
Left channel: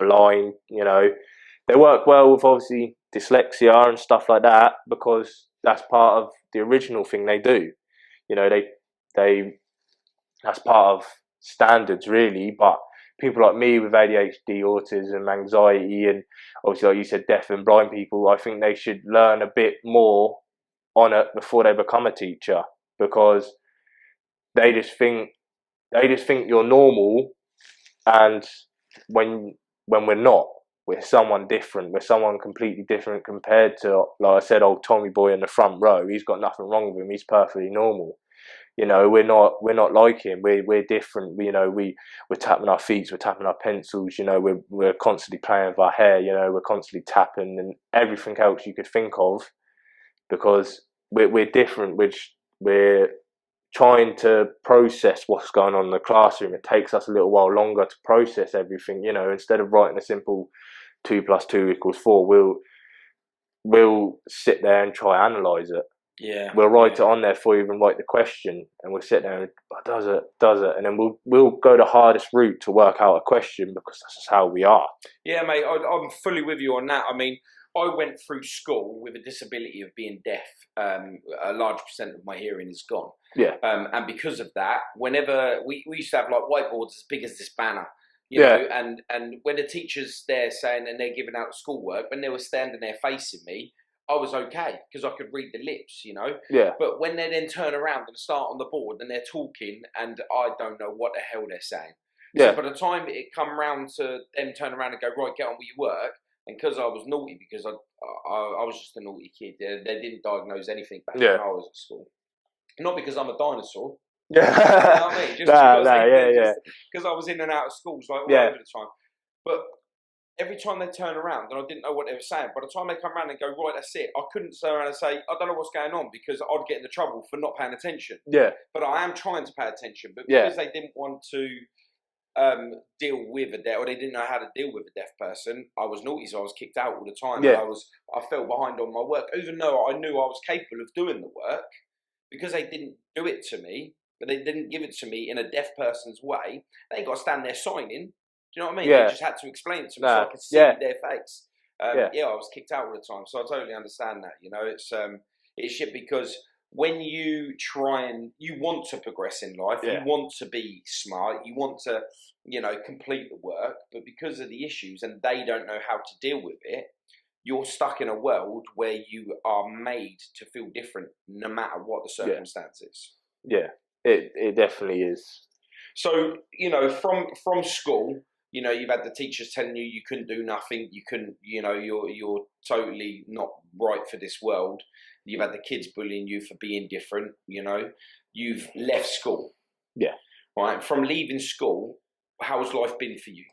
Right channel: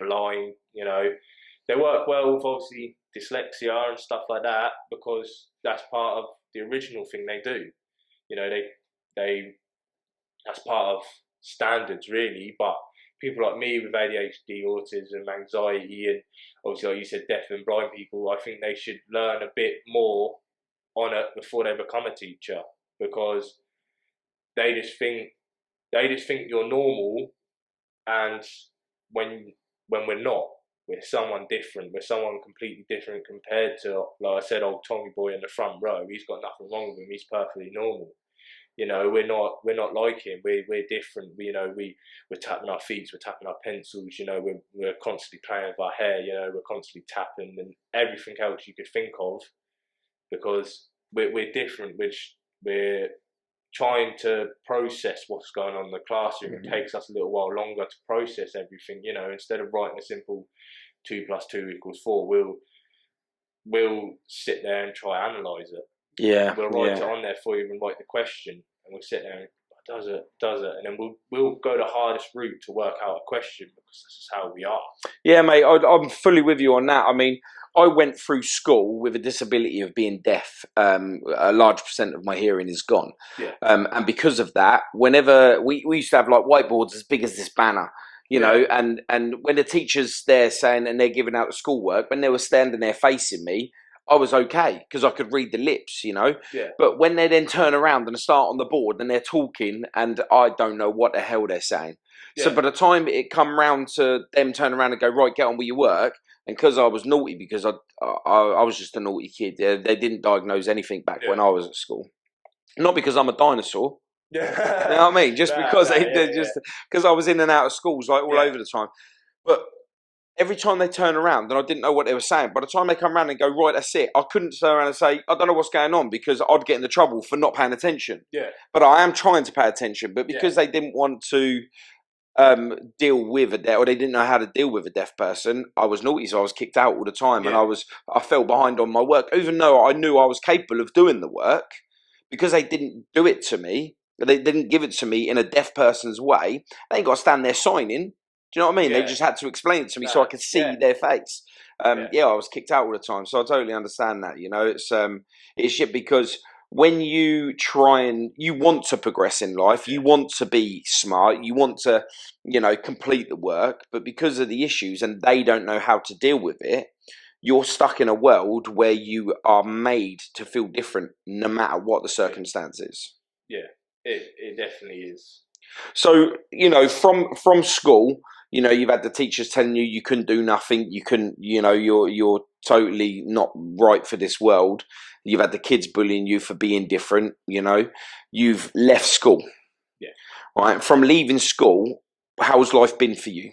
blind, They work well with obviously dyslexia and stuff like that because that's part of the original thing they do. They that's part of standards really, but people like me with ADHD, autism, anxiety, and obviously, like you said, deaf and blind people, I think they should learn a bit more on it before they become a teacher, because they just think you're normal, and when we're not, we're someone different. We're someone completely different compared to, like I said, old Tommy boy in the front row. He's got nothing wrong with him. He's perfectly normal. We're not like him. We're different. We're tapping our feet. We're tapping our pencils. We're constantly playing with our hair. We're constantly tapping and everything else you could think of, because we're different. Which we're trying to process what's going on in the classroom. It takes us a little while longer to process everything. Instead of writing a simple 2 + 2 = 4, we'll sit there and try and analyze it. Yeah, we'll write it on there before you even write the question, and we'll sit there and does it, and then we'll go the hardest route to work out a question, because that's just how we are. Yeah, mate, I'm fully with you on that. I mean, I went through school with a disability of being deaf. A large percent of my hearing is gone. Yeah. And because of that, whenever we used to have like whiteboards as big as this banner, and when the teacher's there saying and they're giving out the schoolwork, when they were standing there facing me, I was okay because I could read the lips, Yeah. But when they then turn around and start on the board and they're talking and I don't know what the hell they're saying. So Yeah. by the time it come round to them turn around and go, right, get on with your work, and because I was naughty, because I was just a naughty kid, they didn't diagnose anything back when I was at school. Not because I'm a dinosaur. You know what I mean? Just because because I was in and out of schools like all over the time. But every time they turn around and I didn't know what they were saying, by the time they come around and go, right, that's it, I couldn't turn around and say, I don't know what's going on because I'd get into trouble for not paying attention. Yeah. But I am trying to pay attention. But because they didn't want to deal with a deaf, or they didn't know how to deal with a deaf person, I was naughty, so I was kicked out all the time, and I fell behind on my work, even though I knew I was capable of doing the work, because they didn't do it to me. They didn't give it to me in a deaf person's way. They ain't got to stand there signing. Do you know what I mean? They just had to explain it to me so I could see their face. I was kicked out all the time, so I totally understand that. It's shit because when you try and you want to progress in life, you want to be smart, you want to, complete the work, but because of the issues and they don't know how to deal with it, you're stuck in a world where you are made to feel different no matter what the circumstances. Yeah, it definitely is. So, from school, you've had the teachers telling you couldn't do nothing, you couldn't, you're totally not right for this world. You've had the kids bullying you for being different, You've left school. Yeah. Right. From leaving school, how's life been for you?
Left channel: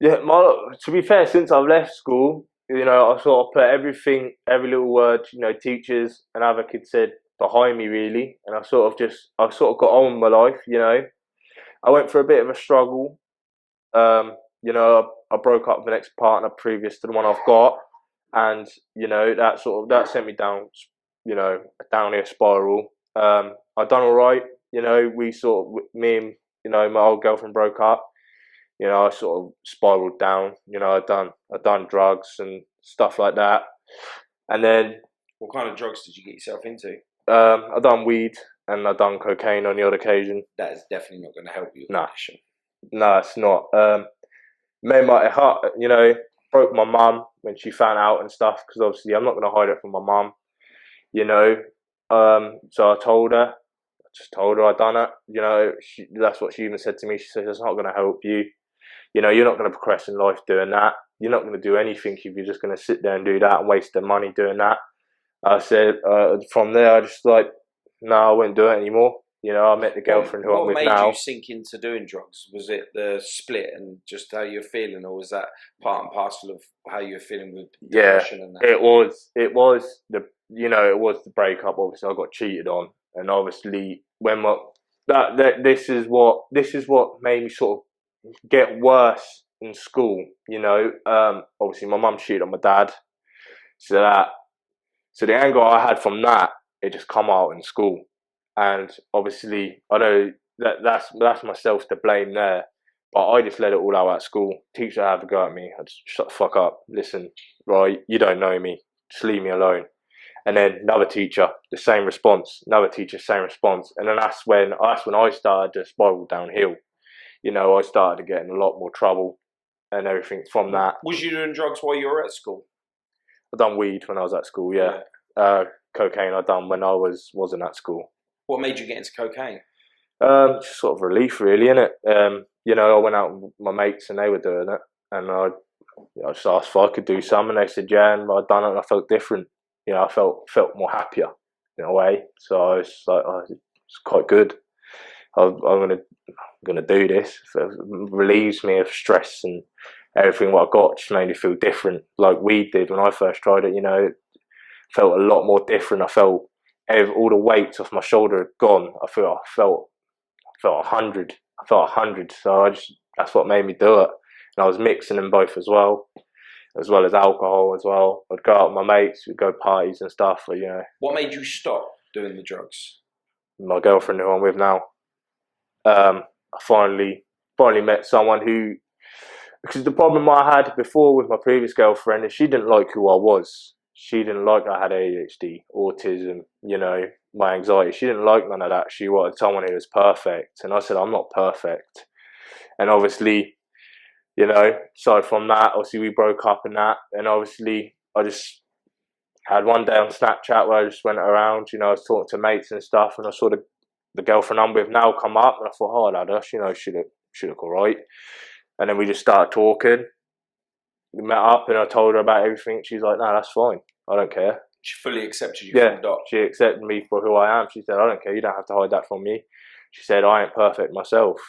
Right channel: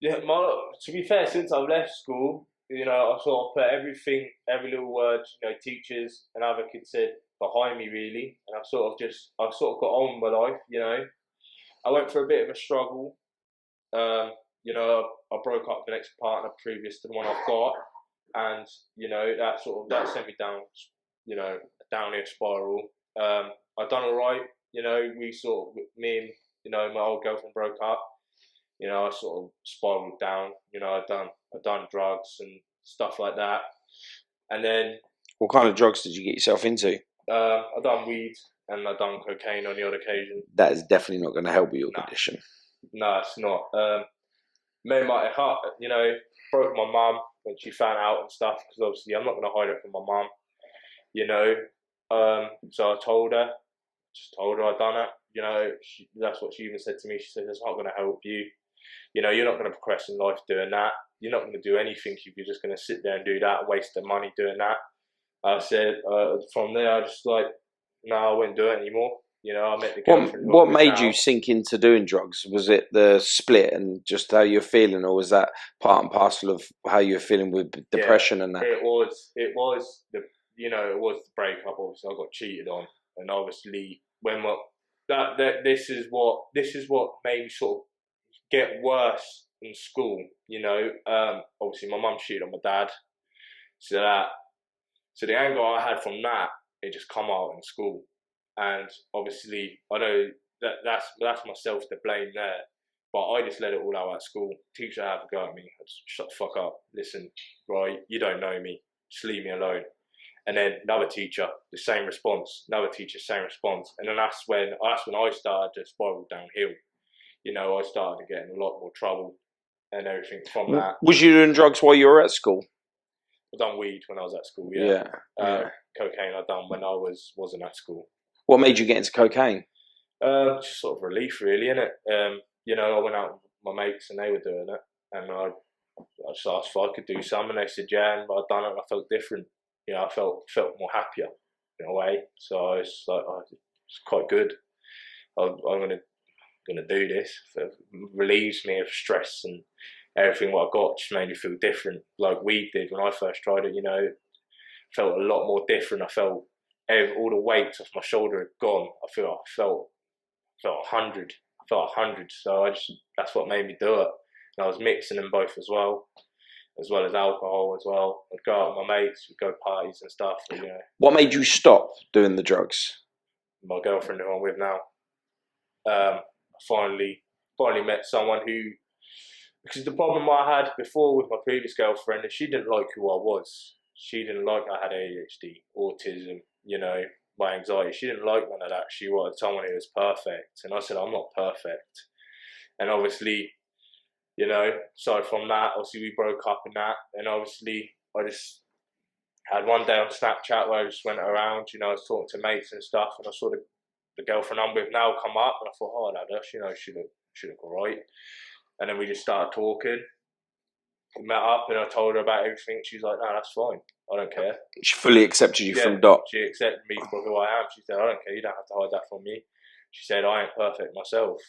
Yeah, to be fair, since I've left school, I sort of put everything, every little word, teachers and other kids said behind me really, and I've sort of got on with my life, I went through a bit of a struggle. I broke up with the next partner previous to the one I've got, and that sent me down, a downhill spiral. I done all right. Me and my old girlfriend broke up. I sort of spiraled down. I done drugs and stuff like that, and then what kind of drugs did you get yourself into? I done weed and I done cocaine on the odd occasion. That is definitely not going to help your condition. No, it's not. Made my heart, broke my mum when she found out and stuff, because obviously I'm not going to hide it from my mum, so I told her, I done it, that's what she even said to me. She said, it's not going to help you, you're not going to progress in life doing that, you're not going to do anything if you're just going to sit there and do that and waste the money doing that. I said, from there, I just no, I won't do it anymore. I met the girlfriend who I'm with now. What made you sink into doing drugs? Was it the split and just how you're feeling, or was that part and parcel of how you're feeling with depression and that? It was the breakup. Obviously, I got cheated on, and obviously this is what made me sort of get worse in school. Obviously my mum cheated on my dad, so the anger I had from that, it just come out in school. And obviously, I know that's myself to blame there, but I just let it all out at school. Teacher had a go at me. I just shut the fuck up. Listen, right, you don't know me. Just leave me alone. And then another teacher, the same response. Another teacher, same response. And then that's when I started to spiral downhill. I started to get in a lot more trouble and everything from that. Was you doing drugs while you were at school? I done weed when I was at school. Yeah. Cocaine I done when I wasn't at school. What made you get into cocaine? Just sort of relief, really, innit? I went out with my mates and they were doing it, and I just asked if I could do some, and they said yeah, and I done it, and I felt different. I felt more happier in a way. So I was like, it's quite good. I'm gonna do this. It relieves me of stress and everything. What I got just made me feel different, like weed did when I first tried it. It felt a lot more different. I felt all the weight off my shoulder had gone. I felt 100. I felt 100. So that's what made me do it. And I was mixing them both as well as alcohol as well. I'd go out with my mates, we'd go parties and stuff. What made you stop doing the drugs? My girlfriend who I'm with now. I finally met someone who because the problem I had before with my previous girlfriend is she didn't like who I was. She didn't like I had ADHD, autism, my anxiety. She didn't like none of that. She wanted someone who was perfect. And I said, I'm not perfect. And obviously, so from that, obviously we broke up and that. And obviously I just had one day on Snapchat where I just went around, I was talking to mates and stuff, and I saw the girlfriend I'm with now come up, and I thought, oh, lad, she look all right. And then we just started talking. We met up, and I told her about everything. She was like, no, that's fine. I don't care. She fully accepted you Yeah, full dot. she accepted me for who I am. She said, I don't care. You don't have to hide that from me. She said, I ain't perfect myself.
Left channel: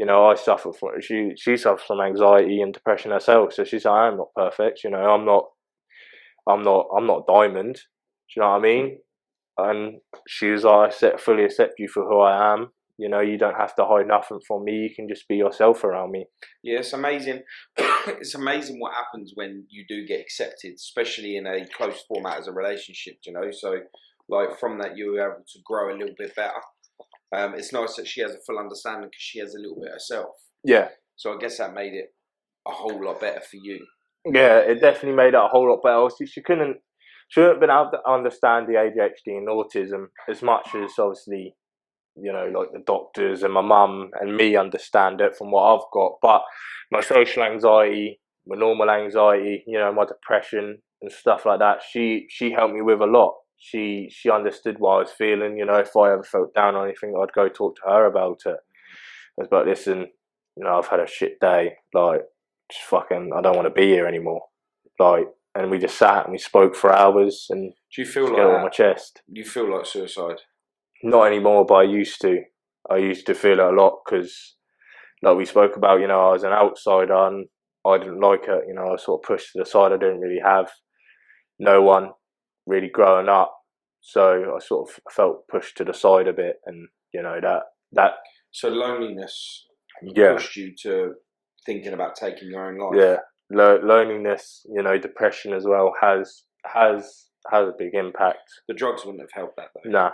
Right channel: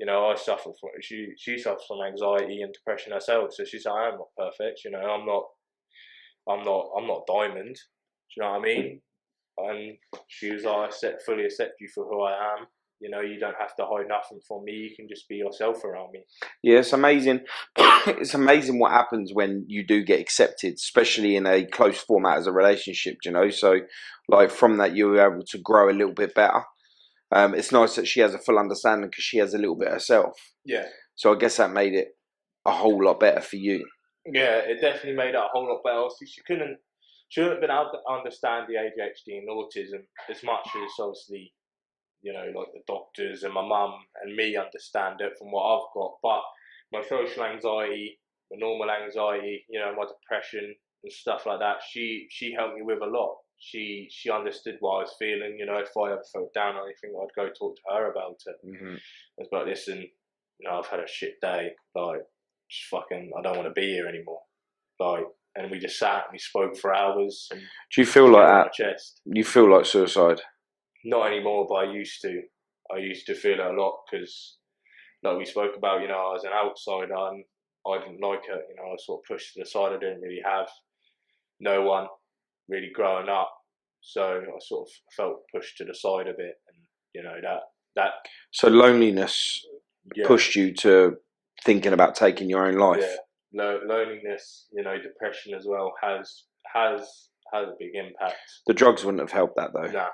I suffer from she suffers from anxiety and depression herself. So she said, I am not perfect. I'm not diamond. Do you know what I mean? And she was like, fully accept you for who I am. You don't have to hide nothing from me. You can just be yourself around me. Yeah, it's amazing. It's amazing what happens when you do get accepted, especially in a close format as a relationship, So, like, from that, you're able to grow a little bit better. It's nice that she has a full understanding because she has a little bit herself. Yeah. So I guess that made it a whole lot better for you. Yeah, it definitely made it a whole lot better. She shouldn't have been able to understand the ADHD and autism as much as obviously, like the doctors and my mum and me understand it from what I've got. But my social anxiety, my normal anxiety, my depression and stuff like that, she helped me with a lot. She understood what I was feeling. If I ever felt down or anything, I'd go talk to her about it. Mm-hmm. I was like, listen, I've had a shit day. Like, just fucking, I don't want to be here anymore. Like, and we just sat and we spoke for hours. And do you feel like that? On my chest. You feel like suicide? Not anymore, but I used to. I used to feel it a lot because, like we spoke about, I was an outsider and I didn't like it. I was sort of pushed to the side. I didn't really have no one really growing up, so I sort of felt pushed to the side a bit, and that. So loneliness pushed you to thinking about taking your own life. Yeah, loneliness, depression as well has a big impact. The drugs wouldn't have helped that though. Nah,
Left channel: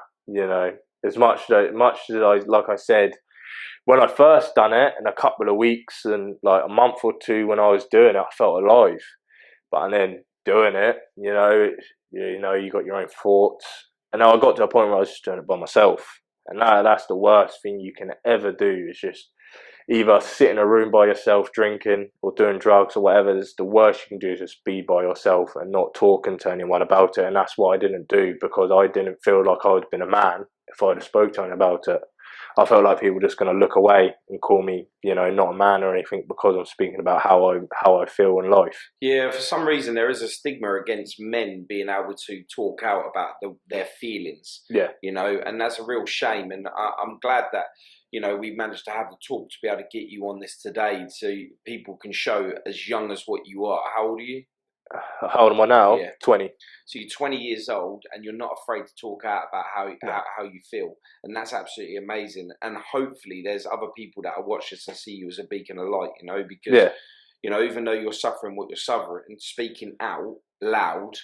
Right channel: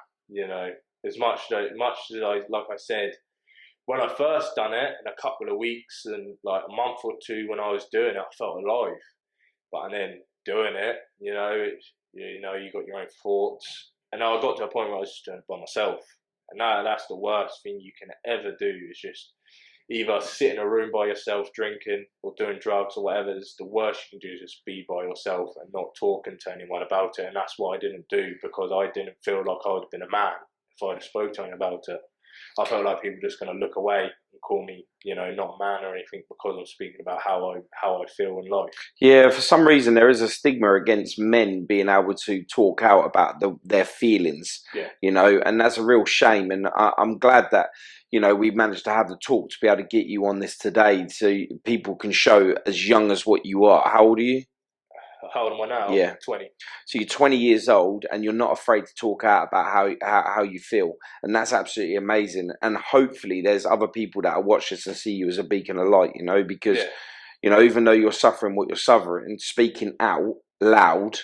as much as I, like I said, when I first done it, in a couple of weeks and like a month or two when I was doing it, I felt alive. But then doing it, you got your own thoughts. And I got to a point where I was just doing it by myself. And that's the worst thing you can ever do, is just either sit in a room by yourself drinking or doing drugs or whatever. It's the worst you can do, is just be by yourself and not talking to anyone about it. And that's what I didn't do, because I didn't feel like I would have been a man if I'd have spoke to anyone about it. I felt like people were just going to look away and call me, not a man or anything, because I'm speaking about how I feel in life. Yeah, for some reason there is a stigma against men being able to talk out about their feelings. Yeah. And that's a real shame. And I'm glad that we managed to have the talk to be able to get you on this today, so people can show as young as what you are. How old are you? How old am I now? Yeah, 20. So you're 20 years old, and you're not afraid to talk out about how you feel, and that's absolutely amazing. And hopefully, there's other people that will watch this and see you as a beacon of light. Because even though you're suffering what you're suffering, speaking out loud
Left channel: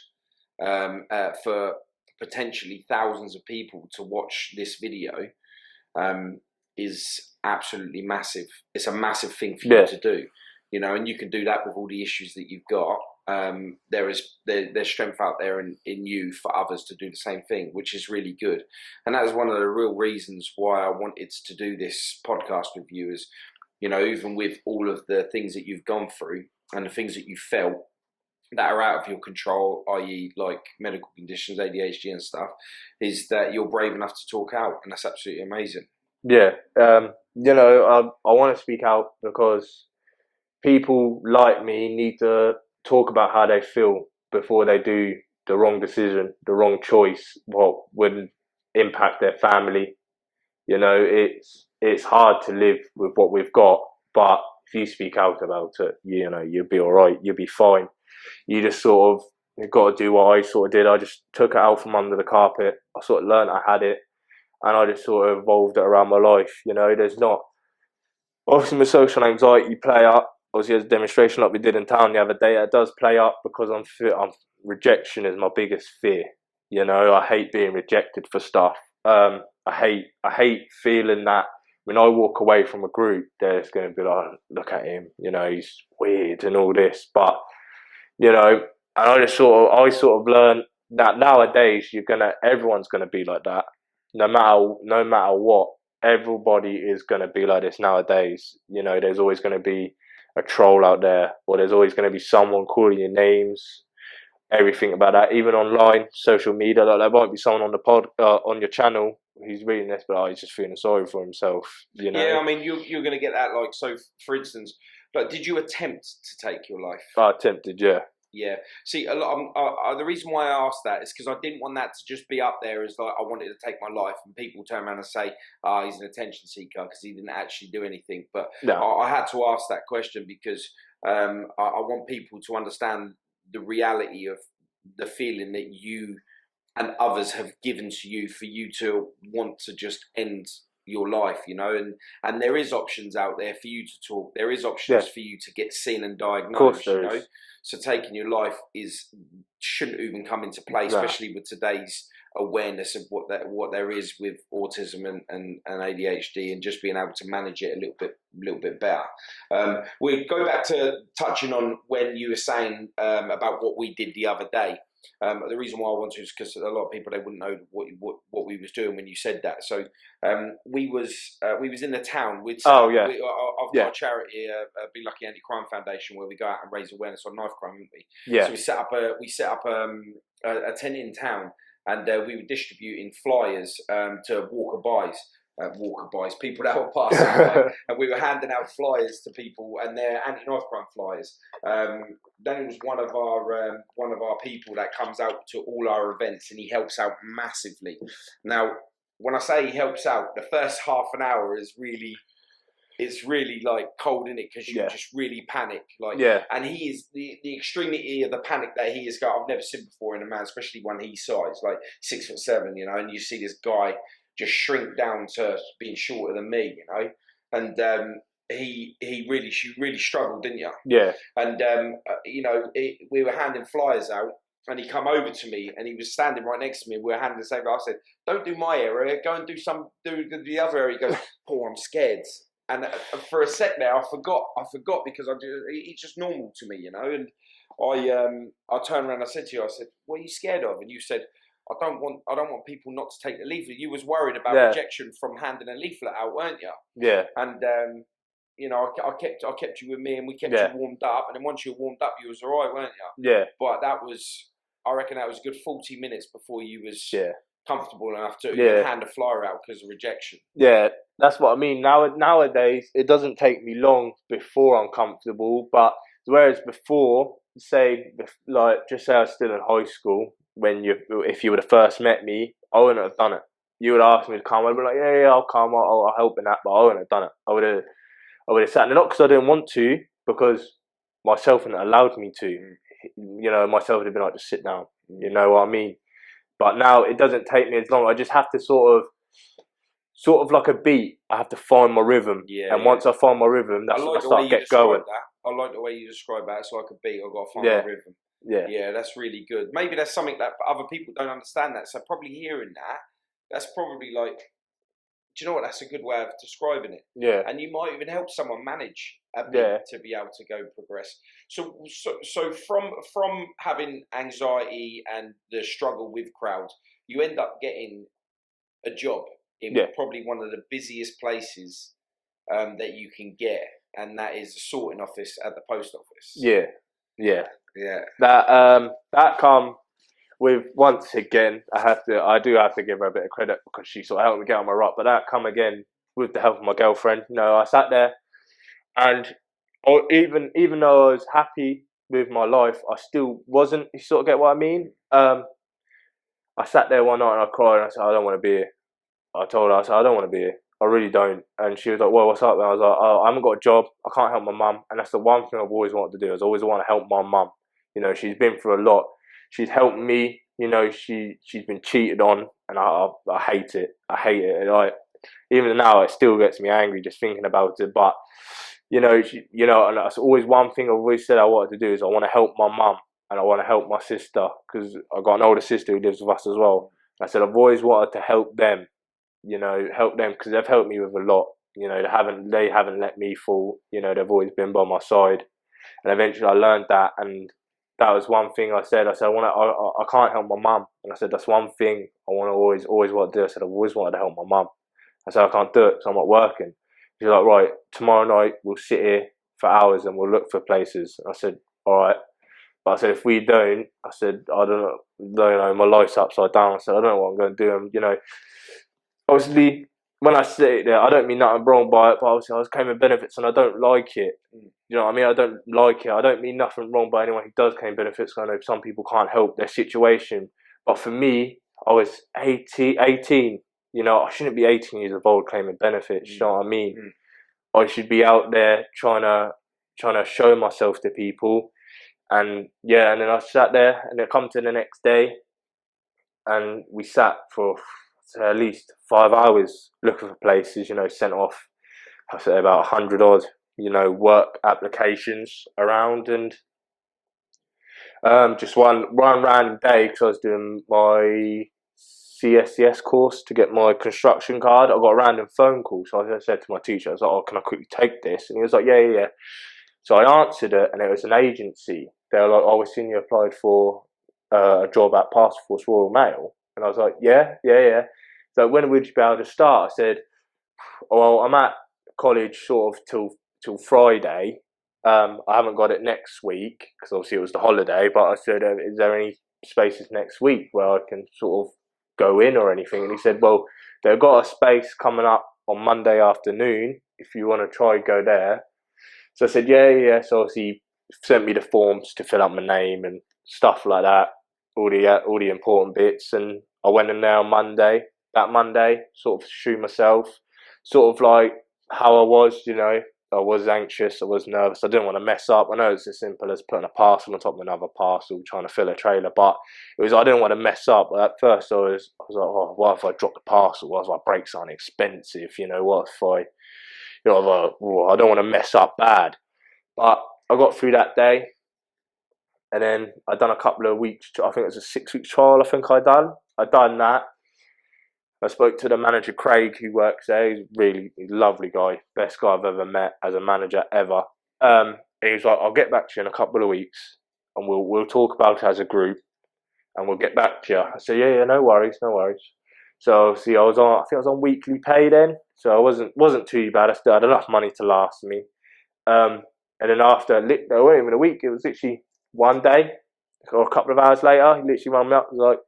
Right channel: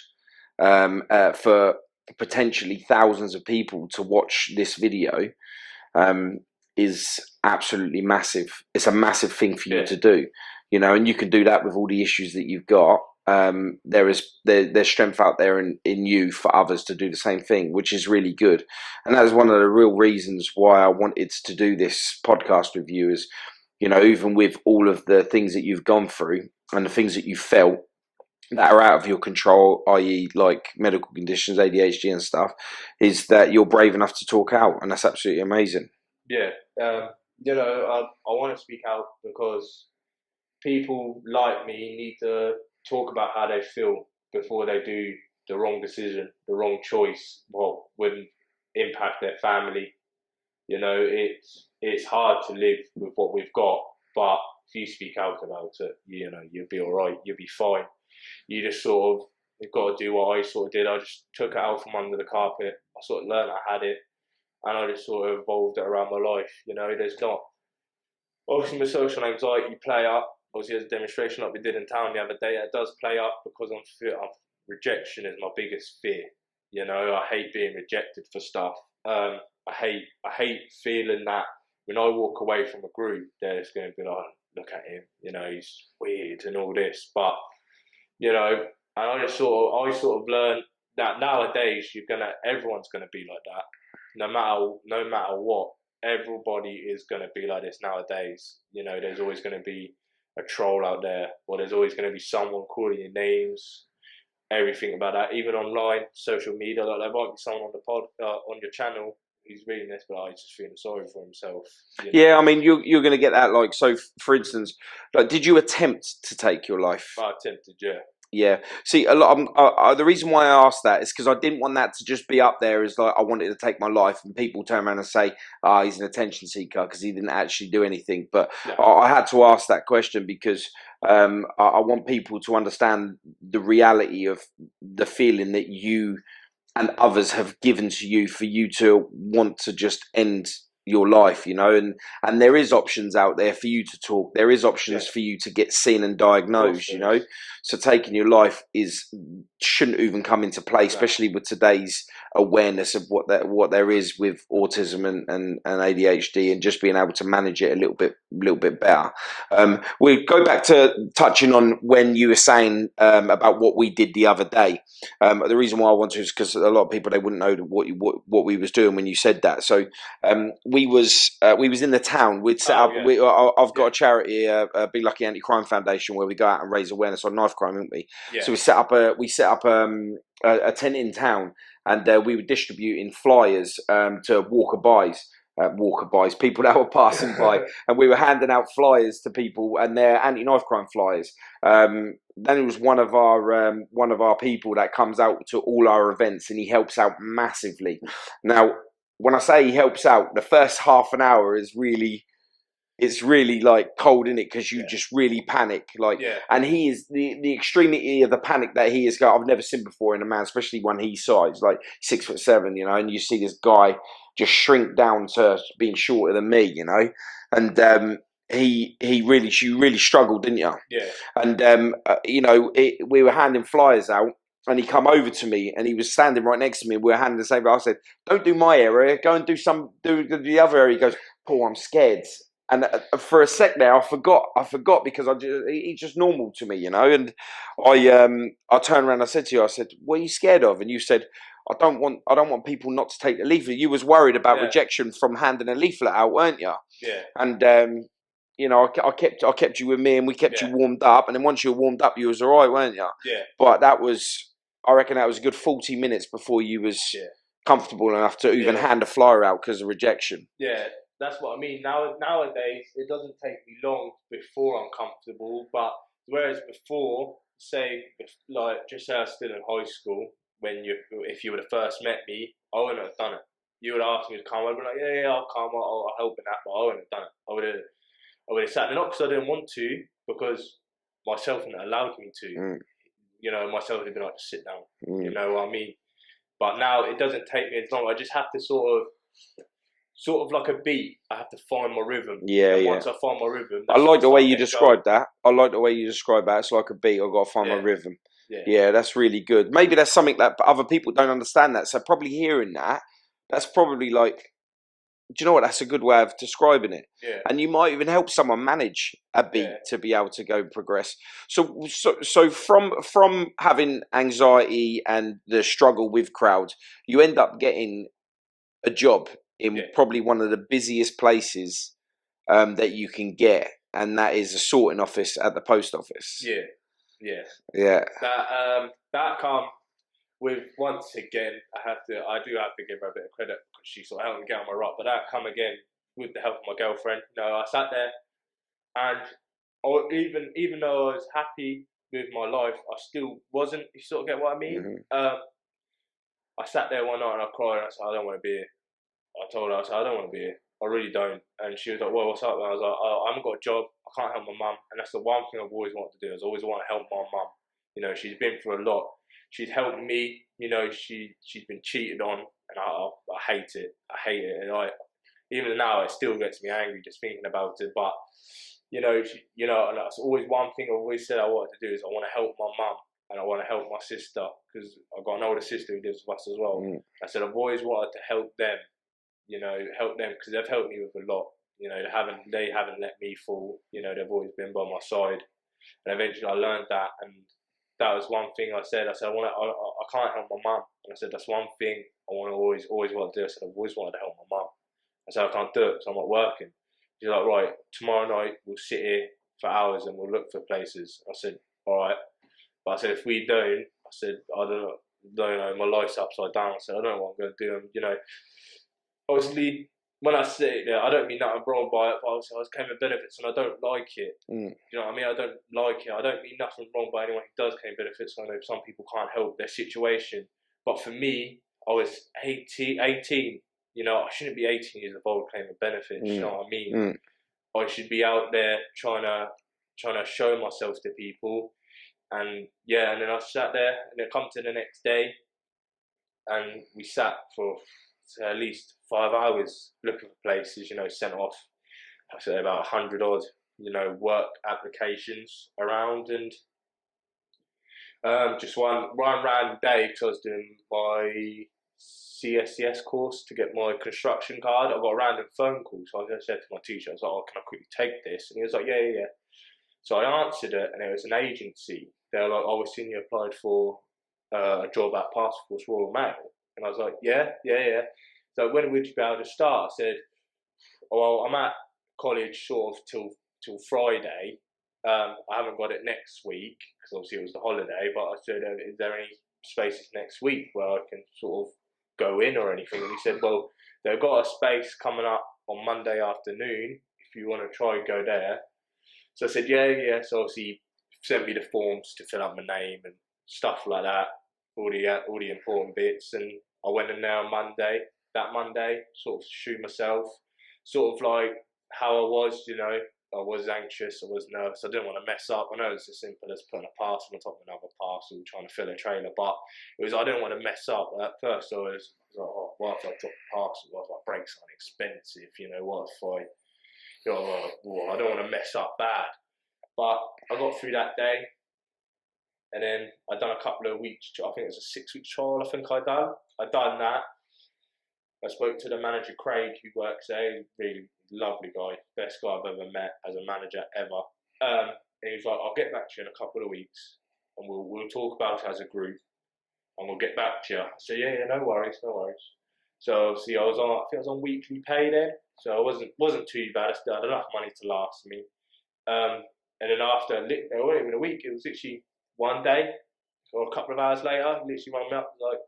for potentially thousands of people to watch this video is absolutely massive. It's a massive thing for you to do. And you can do that with all the issues that you've got. There's strength out there in you for others to do the same thing, which is really good. And that is one of the real reasons why I wanted to do this podcast with you, is even with all of the things that you've gone through and the things that you felt that are out of your control, i.e. like medical conditions, ADHD and stuff, is that you're brave enough to talk out, and that's absolutely amazing. Yeah. I want to speak out because people like me need to talk about how they feel before they do the wrong decision, the wrong choice, what would impact their family. It's hard to live with what we've got, but if you speak out about it, you'll be all right. You'll be fine. You just sort of, you've got to do what I sort of did. I just took it out from under the carpet. I sort of learned I had it, and I just sort of evolved it around my life. There's not, obviously with social anxiety, you play up. Obviously, as a demonstration like we did in town the other day, it does play up because rejection is my biggest fear. I hate being rejected for stuff. I hate feeling that when I walk away from a group, there's going to be like, look at him, he's weird and all this. But and I sort of learned that nowadays everyone's gonna be like that, no matter what. Everybody is gonna be like this nowadays. There's always gonna be a troll out there, or there's always gonna be someone calling you names. Everything about that, even online, social media. Like there might be someone on the on your channel who's reading this, but he's just feeling sorry for himself. Yeah, I mean, you're going to get that. Like, so for instance, like, did you attempt to take your life? I attempted, yeah. Yeah. See, a lot. The reason why I asked that is because I didn't want that to just be up there as like I wanted to take my life, and people turn around and say, he's an attention seeker because he didn't actually do anything." But No. I had to ask that question because I want people to understand the reality of the feeling that you and others have given to you for you to want to just end your life, and there is options out there for you to talk. There is options for you to get seen and diagnosed, So taking your life shouldn't even come into play, especially with today's awareness of what there is with autism and ADHD, and just being able to manage it a little bit better. We go back to touching on when you were saying about what we did the other day. The reason why I want to is because a lot of people, they wouldn't know what we was doing when you said that. So we was in the town. We'd set up. I've got a charity, Be Lucky Anti-Crime Foundation, where we go out and raise awareness on knife crime, haven't we? Yeah. So we set up a tent in town, and we were distributing flyers to walkaboys, people that were passing by, and we were handing out flyers to people, and they're anti-knife crime flyers. Then it was one of our people that comes out to all our events, and he helps out massively. Now, when I say he helps out, the first half an hour is really. It's really like cold in it because you just really panic, and he is the extremity of the panic that he is. I've never seen before in a man, especially when he's size, like 6'7", and you see this guy just shrink down to being shorter than me, and you really struggled, didn't you? Yeah. And we were handing flyers out. And he come over to me, and he was standing right next to me. We were handing the same. I said, "Don't do my area. Go and do the other area." He goes, "Paul, I'm scared." And for a sec there, I forgot because it's just normal to me, And I turned around and I said to you, I said, "What are you scared of?" And you said, I don't want people not to take the leaflet. You was worried about rejection from handing a leaflet out, weren't you? Yeah. And I kept you with me, and we kept you warmed up. And then once you were warmed up, you was all right, weren't you? Yeah. But I reckon that was a good 40 minutes before you was comfortable enough to even hand a flyer out because of rejection. Yeah, that's what I mean. Nowadays, it doesn't take me long before I'm comfortable. But whereas before, just say I was still in high school, if you would have first met me, I wouldn't have done it. You would ask me to come. I'd be like, yeah, I'll come. I'll help in that. But I wouldn't have done it. I would have sat there, not because I didn't want to, because myself hadn't allowed me to. Myself would have been like, just sit down. You know what I mean? But now it doesn't take me as long. I just have to sort of like a beat. I have to find my rhythm. Yeah. And once I find my rhythm, I like the way you described that. I like the way you describe that. It's like a beat. I've got to find my rhythm. Yeah, that's really good. Maybe that's something that other people don't understand that. So probably hearing that, that's probably like, do you know what? That's a good way of describing it. Yeah. And you might even help someone manage a beat to be able to go progress. So from having anxiety and the struggle with crowds, you end up getting a job in probably one of the busiest places that you can get, and that is a sorting office at the post office. Yeah. That come with, once again, I do have to give her a bit of credit because she sort of helped me get on my rock. But that come again with the help of my girlfriend. I sat there, and even though I was happy with my life, I still wasn't. You sort of get what I mean? I sat there one night and I cried and I said, I don't want to be here. I told her, I said, I don't want to be here. I really don't. And she was like, well, what's up? And I was like, I haven't got a job. I can't help my mum. And that's the one thing I've always wanted to do. Is always want to help my mum. She's been through a lot. She's helped me. She's been cheated on, and I hate it. I hate it. Even now, it still gets me angry just thinking about it. But and that's always one thing I've always said I wanted to do is I want to help my mum. And I want to help my sister because I've got an older sister who lives with us as well. I said I've always wanted to help them, help them because they've helped me with a lot. You know, they haven't let me fall. You know, they've always been by my side, and eventually I learned that, and that was one thing I said. I said I can't help my mum, and I said that's one thing I want to always want to do. I said I've always wanted to help my mum. I said I can't do it because I'm not working. She's like, right, tomorrow night we'll sit here for hours and we'll look for places. I said, all right. But I said, if we don't, I said, I don't know, my life's upside down. I said, I don't know what I'm going to do. And, you know, obviously, when I sit there, I don't mean nothing wrong by it, but obviously I was claiming benefits and I don't like it. You know what I mean? I don't like it. I don't mean nothing wrong by anyone who does claim benefits. I know some people can't help their situation. But for me, I was 18. You know, I shouldn't be 18 years old claiming benefits. You know what I mean? I should be out there trying to show myself to people. And yeah, and then I sat there, and it come to the next day, and we sat for at least 5 hours looking for places. You know, sent off, I say about 100 odd, you know, work applications around, and just one random day because I was doing my CSCS course to get my construction card. I got a random phone call, so I said to my teacher, I was like, "Oh, can I quickly take this?" And he was like, "Yeah, yeah, yeah." So I answered it, and it was an agency. They were like, "Oh, we've seen you applied for a job at Task Force Royal Mail," and I was like, "Yeah, yeah, yeah." So when would you be able to start? I said, "Well, I'm at college sort of till Friday. I haven't got it next week because obviously it was the holiday. But I said, is there any spaces next week where I can sort of go in or anything?" And he said, "Well, they've got a space coming up on Monday afternoon. If you want to try, go there." So I said, yeah, yeah. So obviously he sent me the forms to fill out my name and stuff like that, all the important bits. And I went in there on Monday. That Monday, sort of shoe myself, sort of like how I was, you know. I was anxious, I was nervous, I didn't want to mess up. I know it's as simple as putting a parcel on top of another parcel, trying to fill a trailer, but I didn't want to mess up. At first I was like, oh, what if I drop the parcel? What if I break something expensive? You know, what if I, you know, like, oh, I don't want to mess up bad. But I got through that day, and then I done a couple of weeks. I think it was a 6 week trial. I think I done that. I spoke to the manager, Craig, who works there. He's really lovely guy, best guy I've ever met as a manager ever. And he was like, "I'll get back to you in a couple of weeks, and we'll talk about it as a group, and we'll get back to you." I said, "Yeah, yeah, no worries, no worries." So see, I think I was on weekly pay then, so I wasn't too bad. I still had enough money to last me. And then after, it wasn't even a week, it was literally one day or a couple of hours later, he literally rang me up and was like,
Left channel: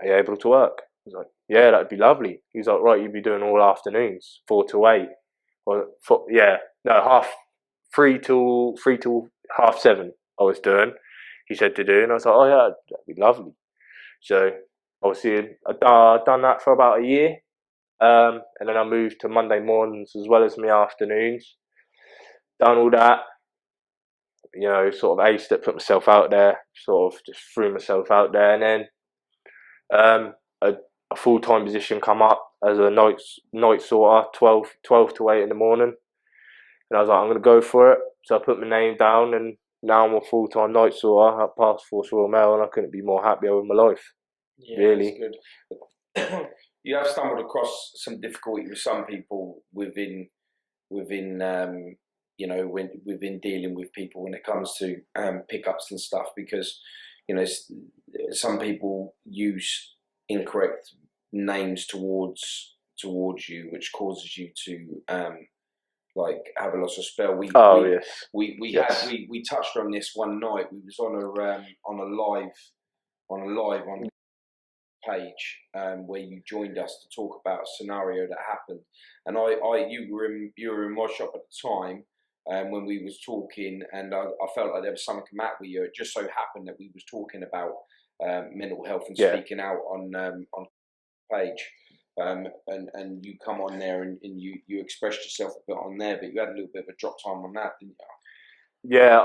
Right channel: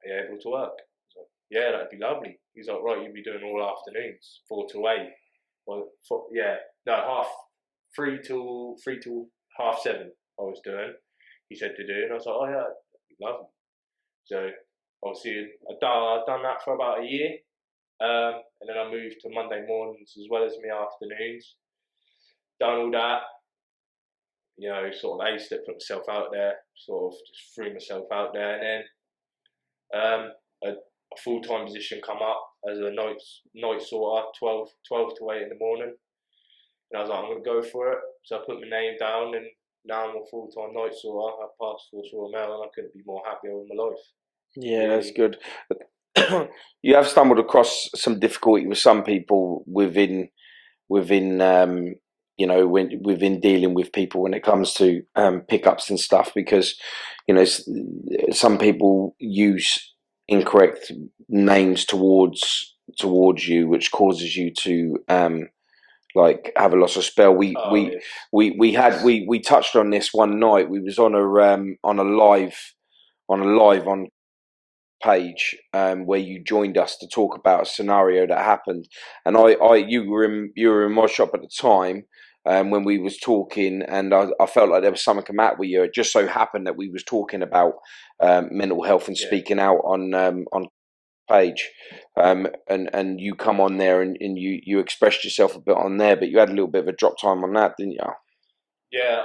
"Are you able to work?" I was like, "Yeah, that'd be lovely." He's like, "Right, you'd be doing all afternoons, 4 to 8." Or, yeah, no, 3 till 7. I was doing, he said to do, and I was like, "Oh, yeah, that'd be lovely." So, obviously, I done that for about a year. And then I moved to Monday mornings as well as my afternoons. Done all that, you know, sort of aced it, put myself out there, sort of just threw myself out there, and then a full time position come up as a night sorter, 12 to 8 in the morning, and I was like, I'm gonna go for it. So I put my name down, and now I'm a full time night sorter at Task Force Royal Mail, and I couldn't be more happier with my life. Yeah, that's Really. good. You have stumbled across some difficulty with some people within you know, within dealing with people when it comes to pickups and stuff, because you know some people use incorrect names towards you, which causes you to like have a loss of spell. Oh yes, yes, We touched on this one night. We was on a live on page where you joined us to talk about a scenario that happened, and you were in my shop at the time when we was talking, and I felt like there was something come out with you. It just so happened that we was talking about mental health and yeah. speaking out on page, and you come on there and you expressed yourself a bit on there, but you had a little bit of a drop time on that, didn't you? Yeah,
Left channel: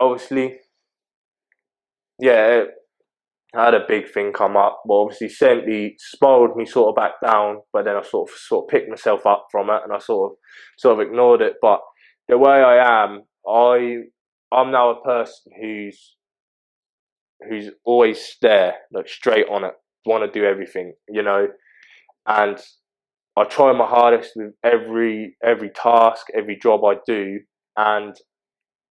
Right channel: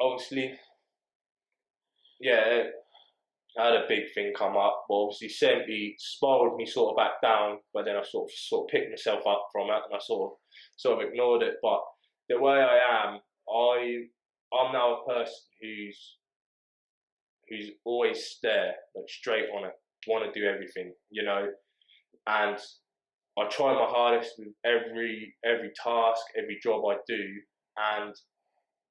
obviously, yeah, I had a big thing come up. Well, obviously, spiraled me sort of back down, but then I sort of picked myself up from it, and I sort of ignored it. But the way I am, I'm now a person who's always there, like straight on it, want to do everything, you know. And I try my hardest with every task, every job I do, and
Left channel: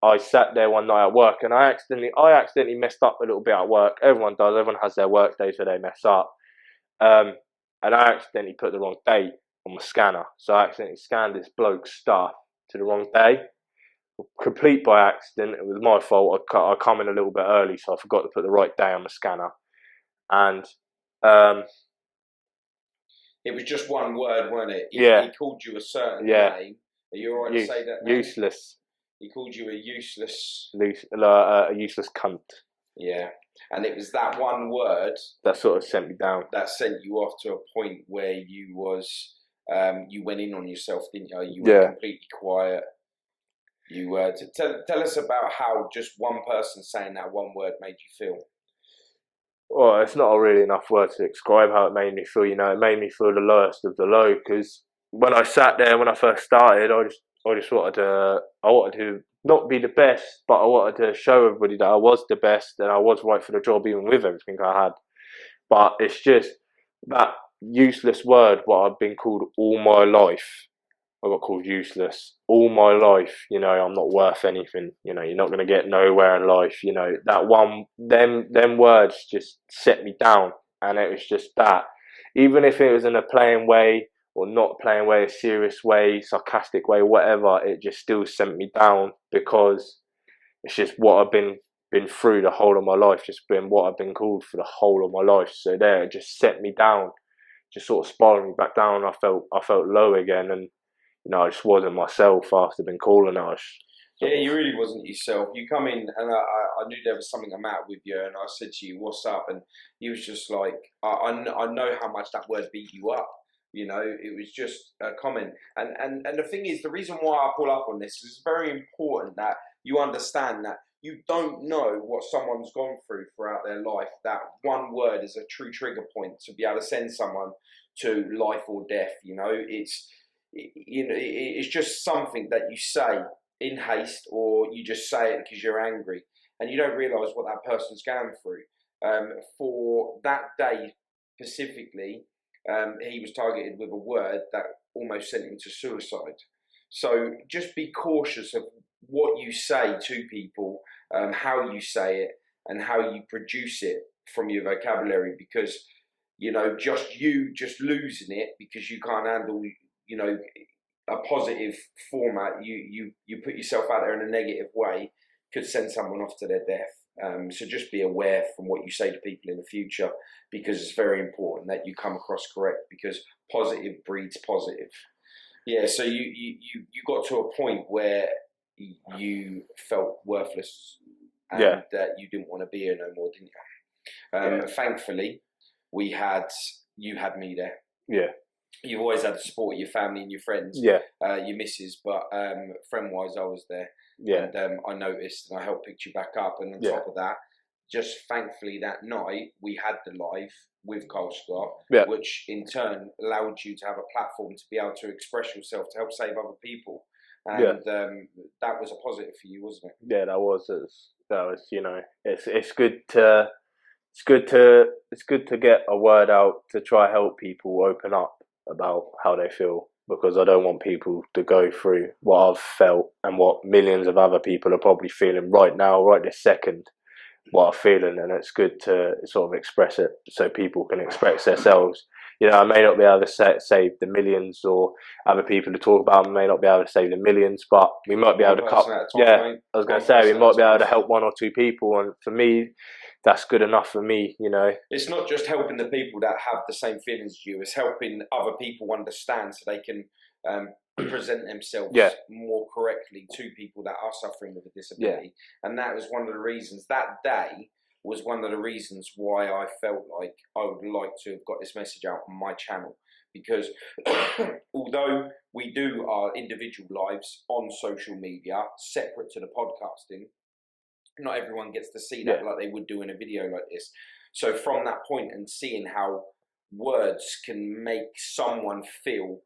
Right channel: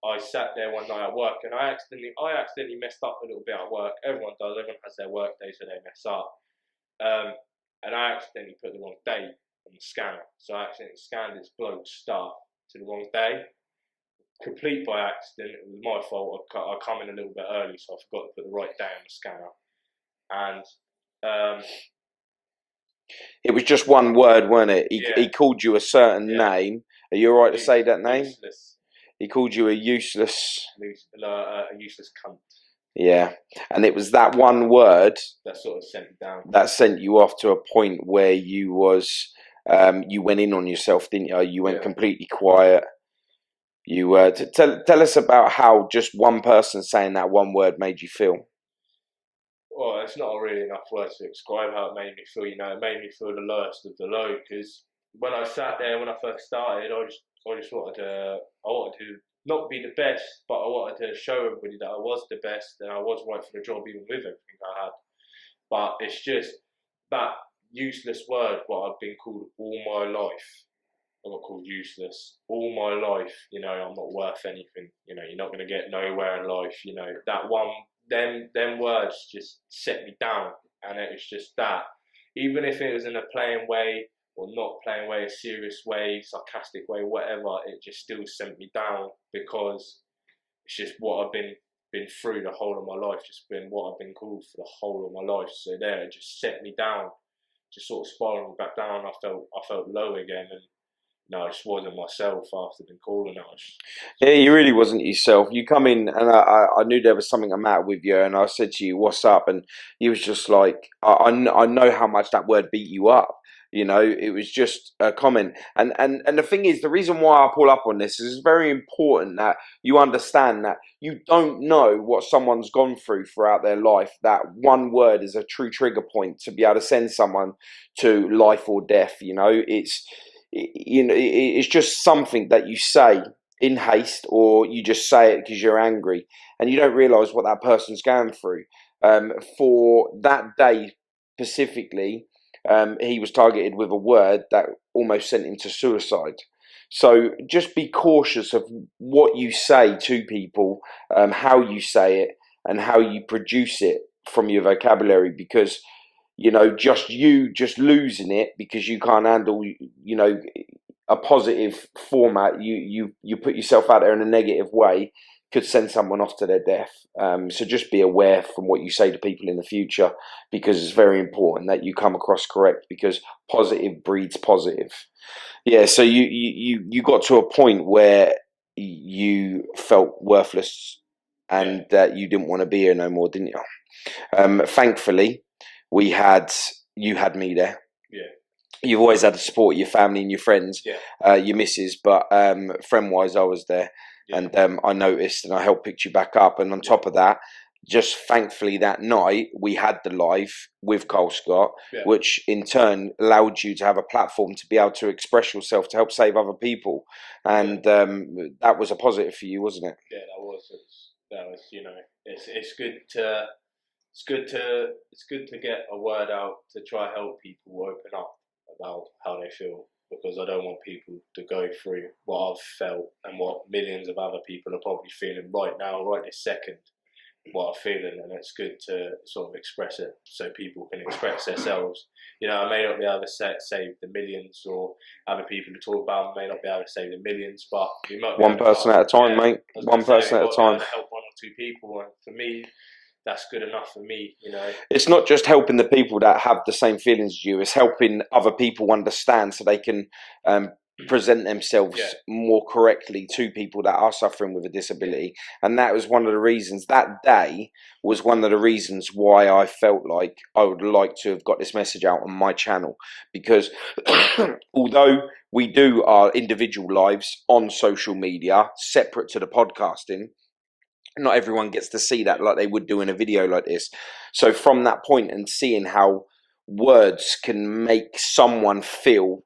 I sat there one night at work and I accidentally messed up a little bit at work. Everyone does. Everyone has their work days where they mess up. Um, and I accidentally put the wrong date on my scanner. So I accidentally scanned this bloke's stuff to the wrong day. Complete by accident. It was my fault. I come in a little bit early, so I forgot to put the right day on my scanner. And It was just one word, wasn't it? yeah, He called you a certain yeah, name. Are you all right to say that name? useless, He called you a useless. a useless cunt. Yeah, and it was that one word That sort of sent me down. that sent you off to a point where you went in on yourself, didn't you? You went completely quiet. You tell us about how just one person saying that one word made you feel. Well, it's not really enough words to describe how it made me feel. It made me feel the lowest of the low. Because when I sat there, when I first started, I just wanted to not be the best, but I wanted to show everybody that I was the best and I was right for the job, even with everything I had. But it's just that useless word, what I've been called all my life. I got called useless all my life. I'm not worth anything. You're not gonna get nowhere in life. That one, them words just set me down, and it was just that. Even if it was in a playing way or not playing way, a serious way, sarcastic way, whatever, it just still sent me down because it's just what I've been through the whole of my life. Just been what I've been called for the whole of my life. So there, it just set me down, just sort of spiraled me back down. I felt low again, and I just wasn't myself after being calling us. Yeah, you really wasn't yourself. You come in, and I knew there was something the matter with you, and I said to you, "What's up?" And you was just like, I know how much that word beat you up. It was just a comment. And the thing is, the reason why I pull up on this is it's very important that you understand that you don't know what someone's gone through throughout their life. That one word is a true trigger point to be able to send someone to life or death. It's just something that you say in haste, or you just say it because you're angry, and you don't realize what that person's going through. For that day specifically, he was targeted with a word that almost sent him to suicide. So just be cautious of what you say to people, how you say it, and how you produce it from your vocabulary, because just losing it because you can't handle a positive format, you put yourself out there in a negative way, could send someone off to their death. So just be aware from what you say to people in the future, because it's very important that you come across correct, because positive breeds positive. Yeah, so you got to a point where you felt worthless and that you didn't want to be here no more, didn't you? Thankfully, you had me there. Yeah. You've always had the support of your family and your friends, your missus, but friend-wise, I was there, and I noticed, and I helped pick you back up. And on top of that, just thankfully that night we had the live with Cole Scott, which in turn allowed you to have a platform to be able to express yourself to help save other people, and that was a positive for you, wasn't it? Yeah, that was. It's good to. It's good to get a word out to try help people open up about how they feel, because I don't want people to go through what I've felt and what millions of other people are probably feeling right now, right this second, what I'm feeling, and it's good to sort of express it so people can express themselves. I may not be able to save the millions, or other people to talk about may not be able to save the millions, but we might be One able to person at a time, mate. I was going to say we might be able to help one or two people, and for me, that's good enough for me. It's not just helping the people that have the same feelings as you, it's helping other people understand so they can present themselves more correctly to people that are suffering with a disability. And that was one of the reasons, that day was one of the reasons why I felt like I would like to have got this message out on my channel, because although we do our individual lives on social media separate to the podcasting, not everyone gets to see that like they would do in a video like this. So from that point, and seeing how words can make someone feel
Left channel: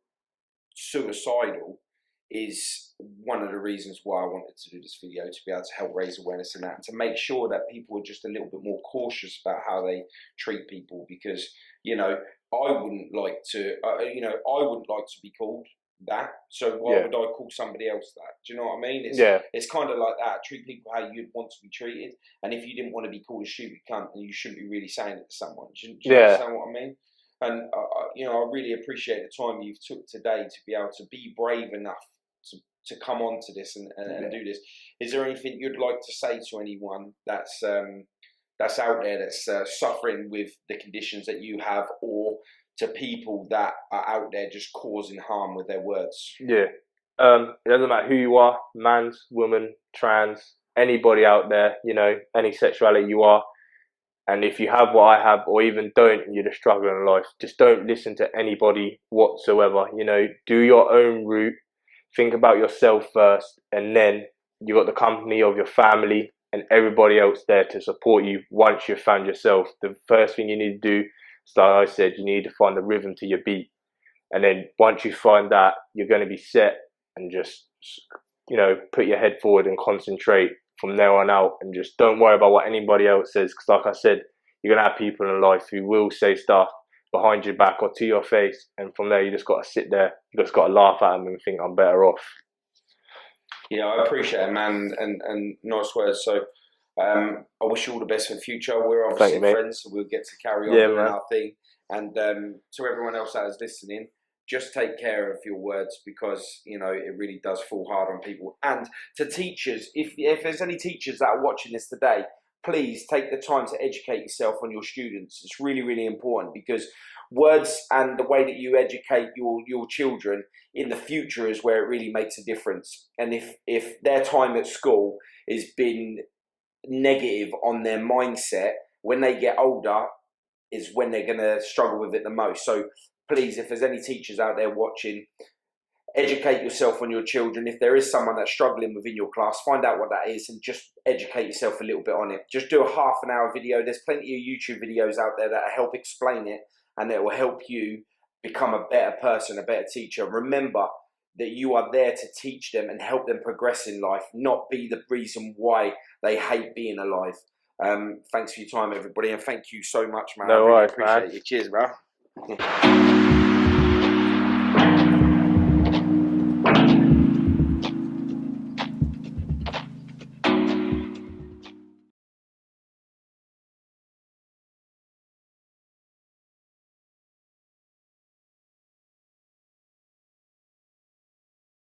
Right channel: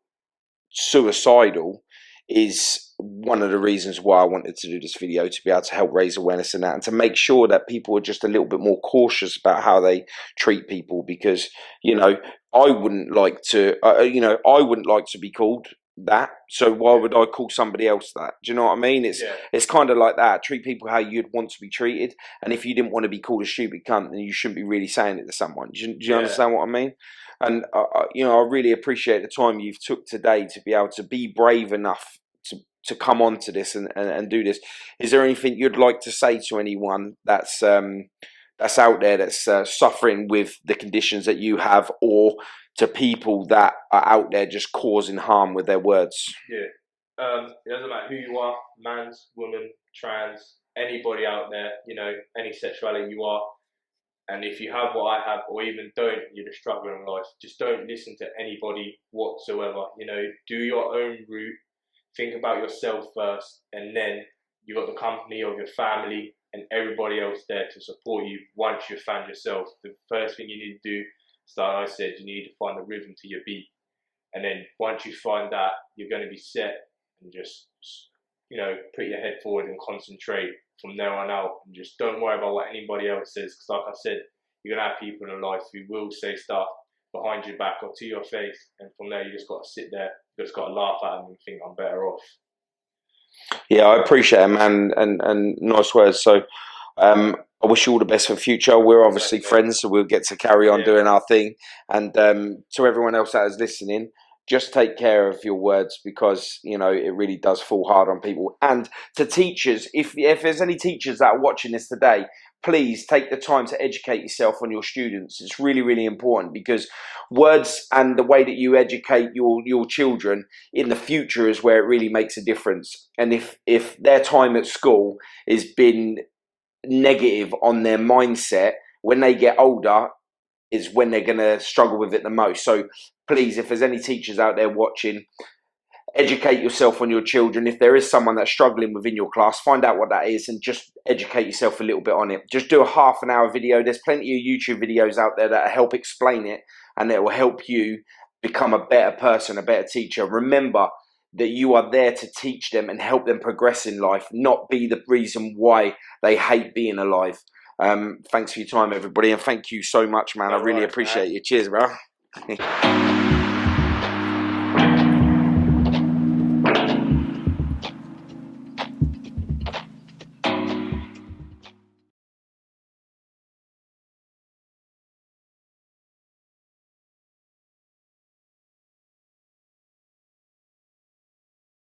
suicidal, is one of the reasons why I wanted to do this video, to be able to help raise awareness in that, and to make sure that people are just a little bit more cautious about how they treat people, because I wouldn't like to I wouldn't like to be called that, so why would I call somebody else that? Do you know what I mean? It's kind of like that. Treat people how you'd want to be treated, and if you didn't want to be called a stupid cunt, then you shouldn't be really saying it to someone. Do you understand what I mean? And I really appreciate the time you've took today to be able to be brave enough to come on to this and do this. Is there anything you'd like to say to anyone that's out there that's suffering with the conditions that you have, or to people that are out there just causing harm with their words? It doesn't matter who you are, man's, woman, trans, anybody out there, any sexuality you are. And if you have what I have, or even don't, and you're just struggling in life, just don't listen to anybody whatsoever. Do your own route. Think about yourself first, and then you got the company of your family and everybody else there to support you once you've found yourself. The first thing you need to do, like I said, you need to find the rhythm to your beat. And then once you find that, you're going to be set, and just, put your head forward and concentrate from there on out, and just don't worry about what anybody else says, because like I said, you're gonna have people in life who will say stuff behind your back or to your face, and from there you just got to sit there, you just got to laugh at them and think, I'm better off. Yeah, I appreciate it, man, and nice words. So I wish you all the best for the future. We're obviously friends, so we'll get to carry on doing our thing. And to everyone else that is listening, just take care of your words, because it really does fall hard on people. And to teachers, if there's any teachers that are watching this today, please take the time to educate yourself on your students. It's really, really important, because words and the way that you educate your children in the future is where it really makes a difference. And if their time at school has been negative on their mindset, when they get older is when they're going to struggle with it the most. So please, if there's any teachers out there watching, educate yourself on your children. If there is someone that's struggling within your class, find out what that is and just educate yourself a little bit on it. Just do a half an hour video. There's plenty of YouTube videos out there that help explain it, and that will help you become a better person, a better teacher. Remember that you are there to teach them and help them progress in life, not be the reason why they hate being alive. Thanks for your time, everybody, and thank you so much, man. I really appreciate you. Cheers, bro.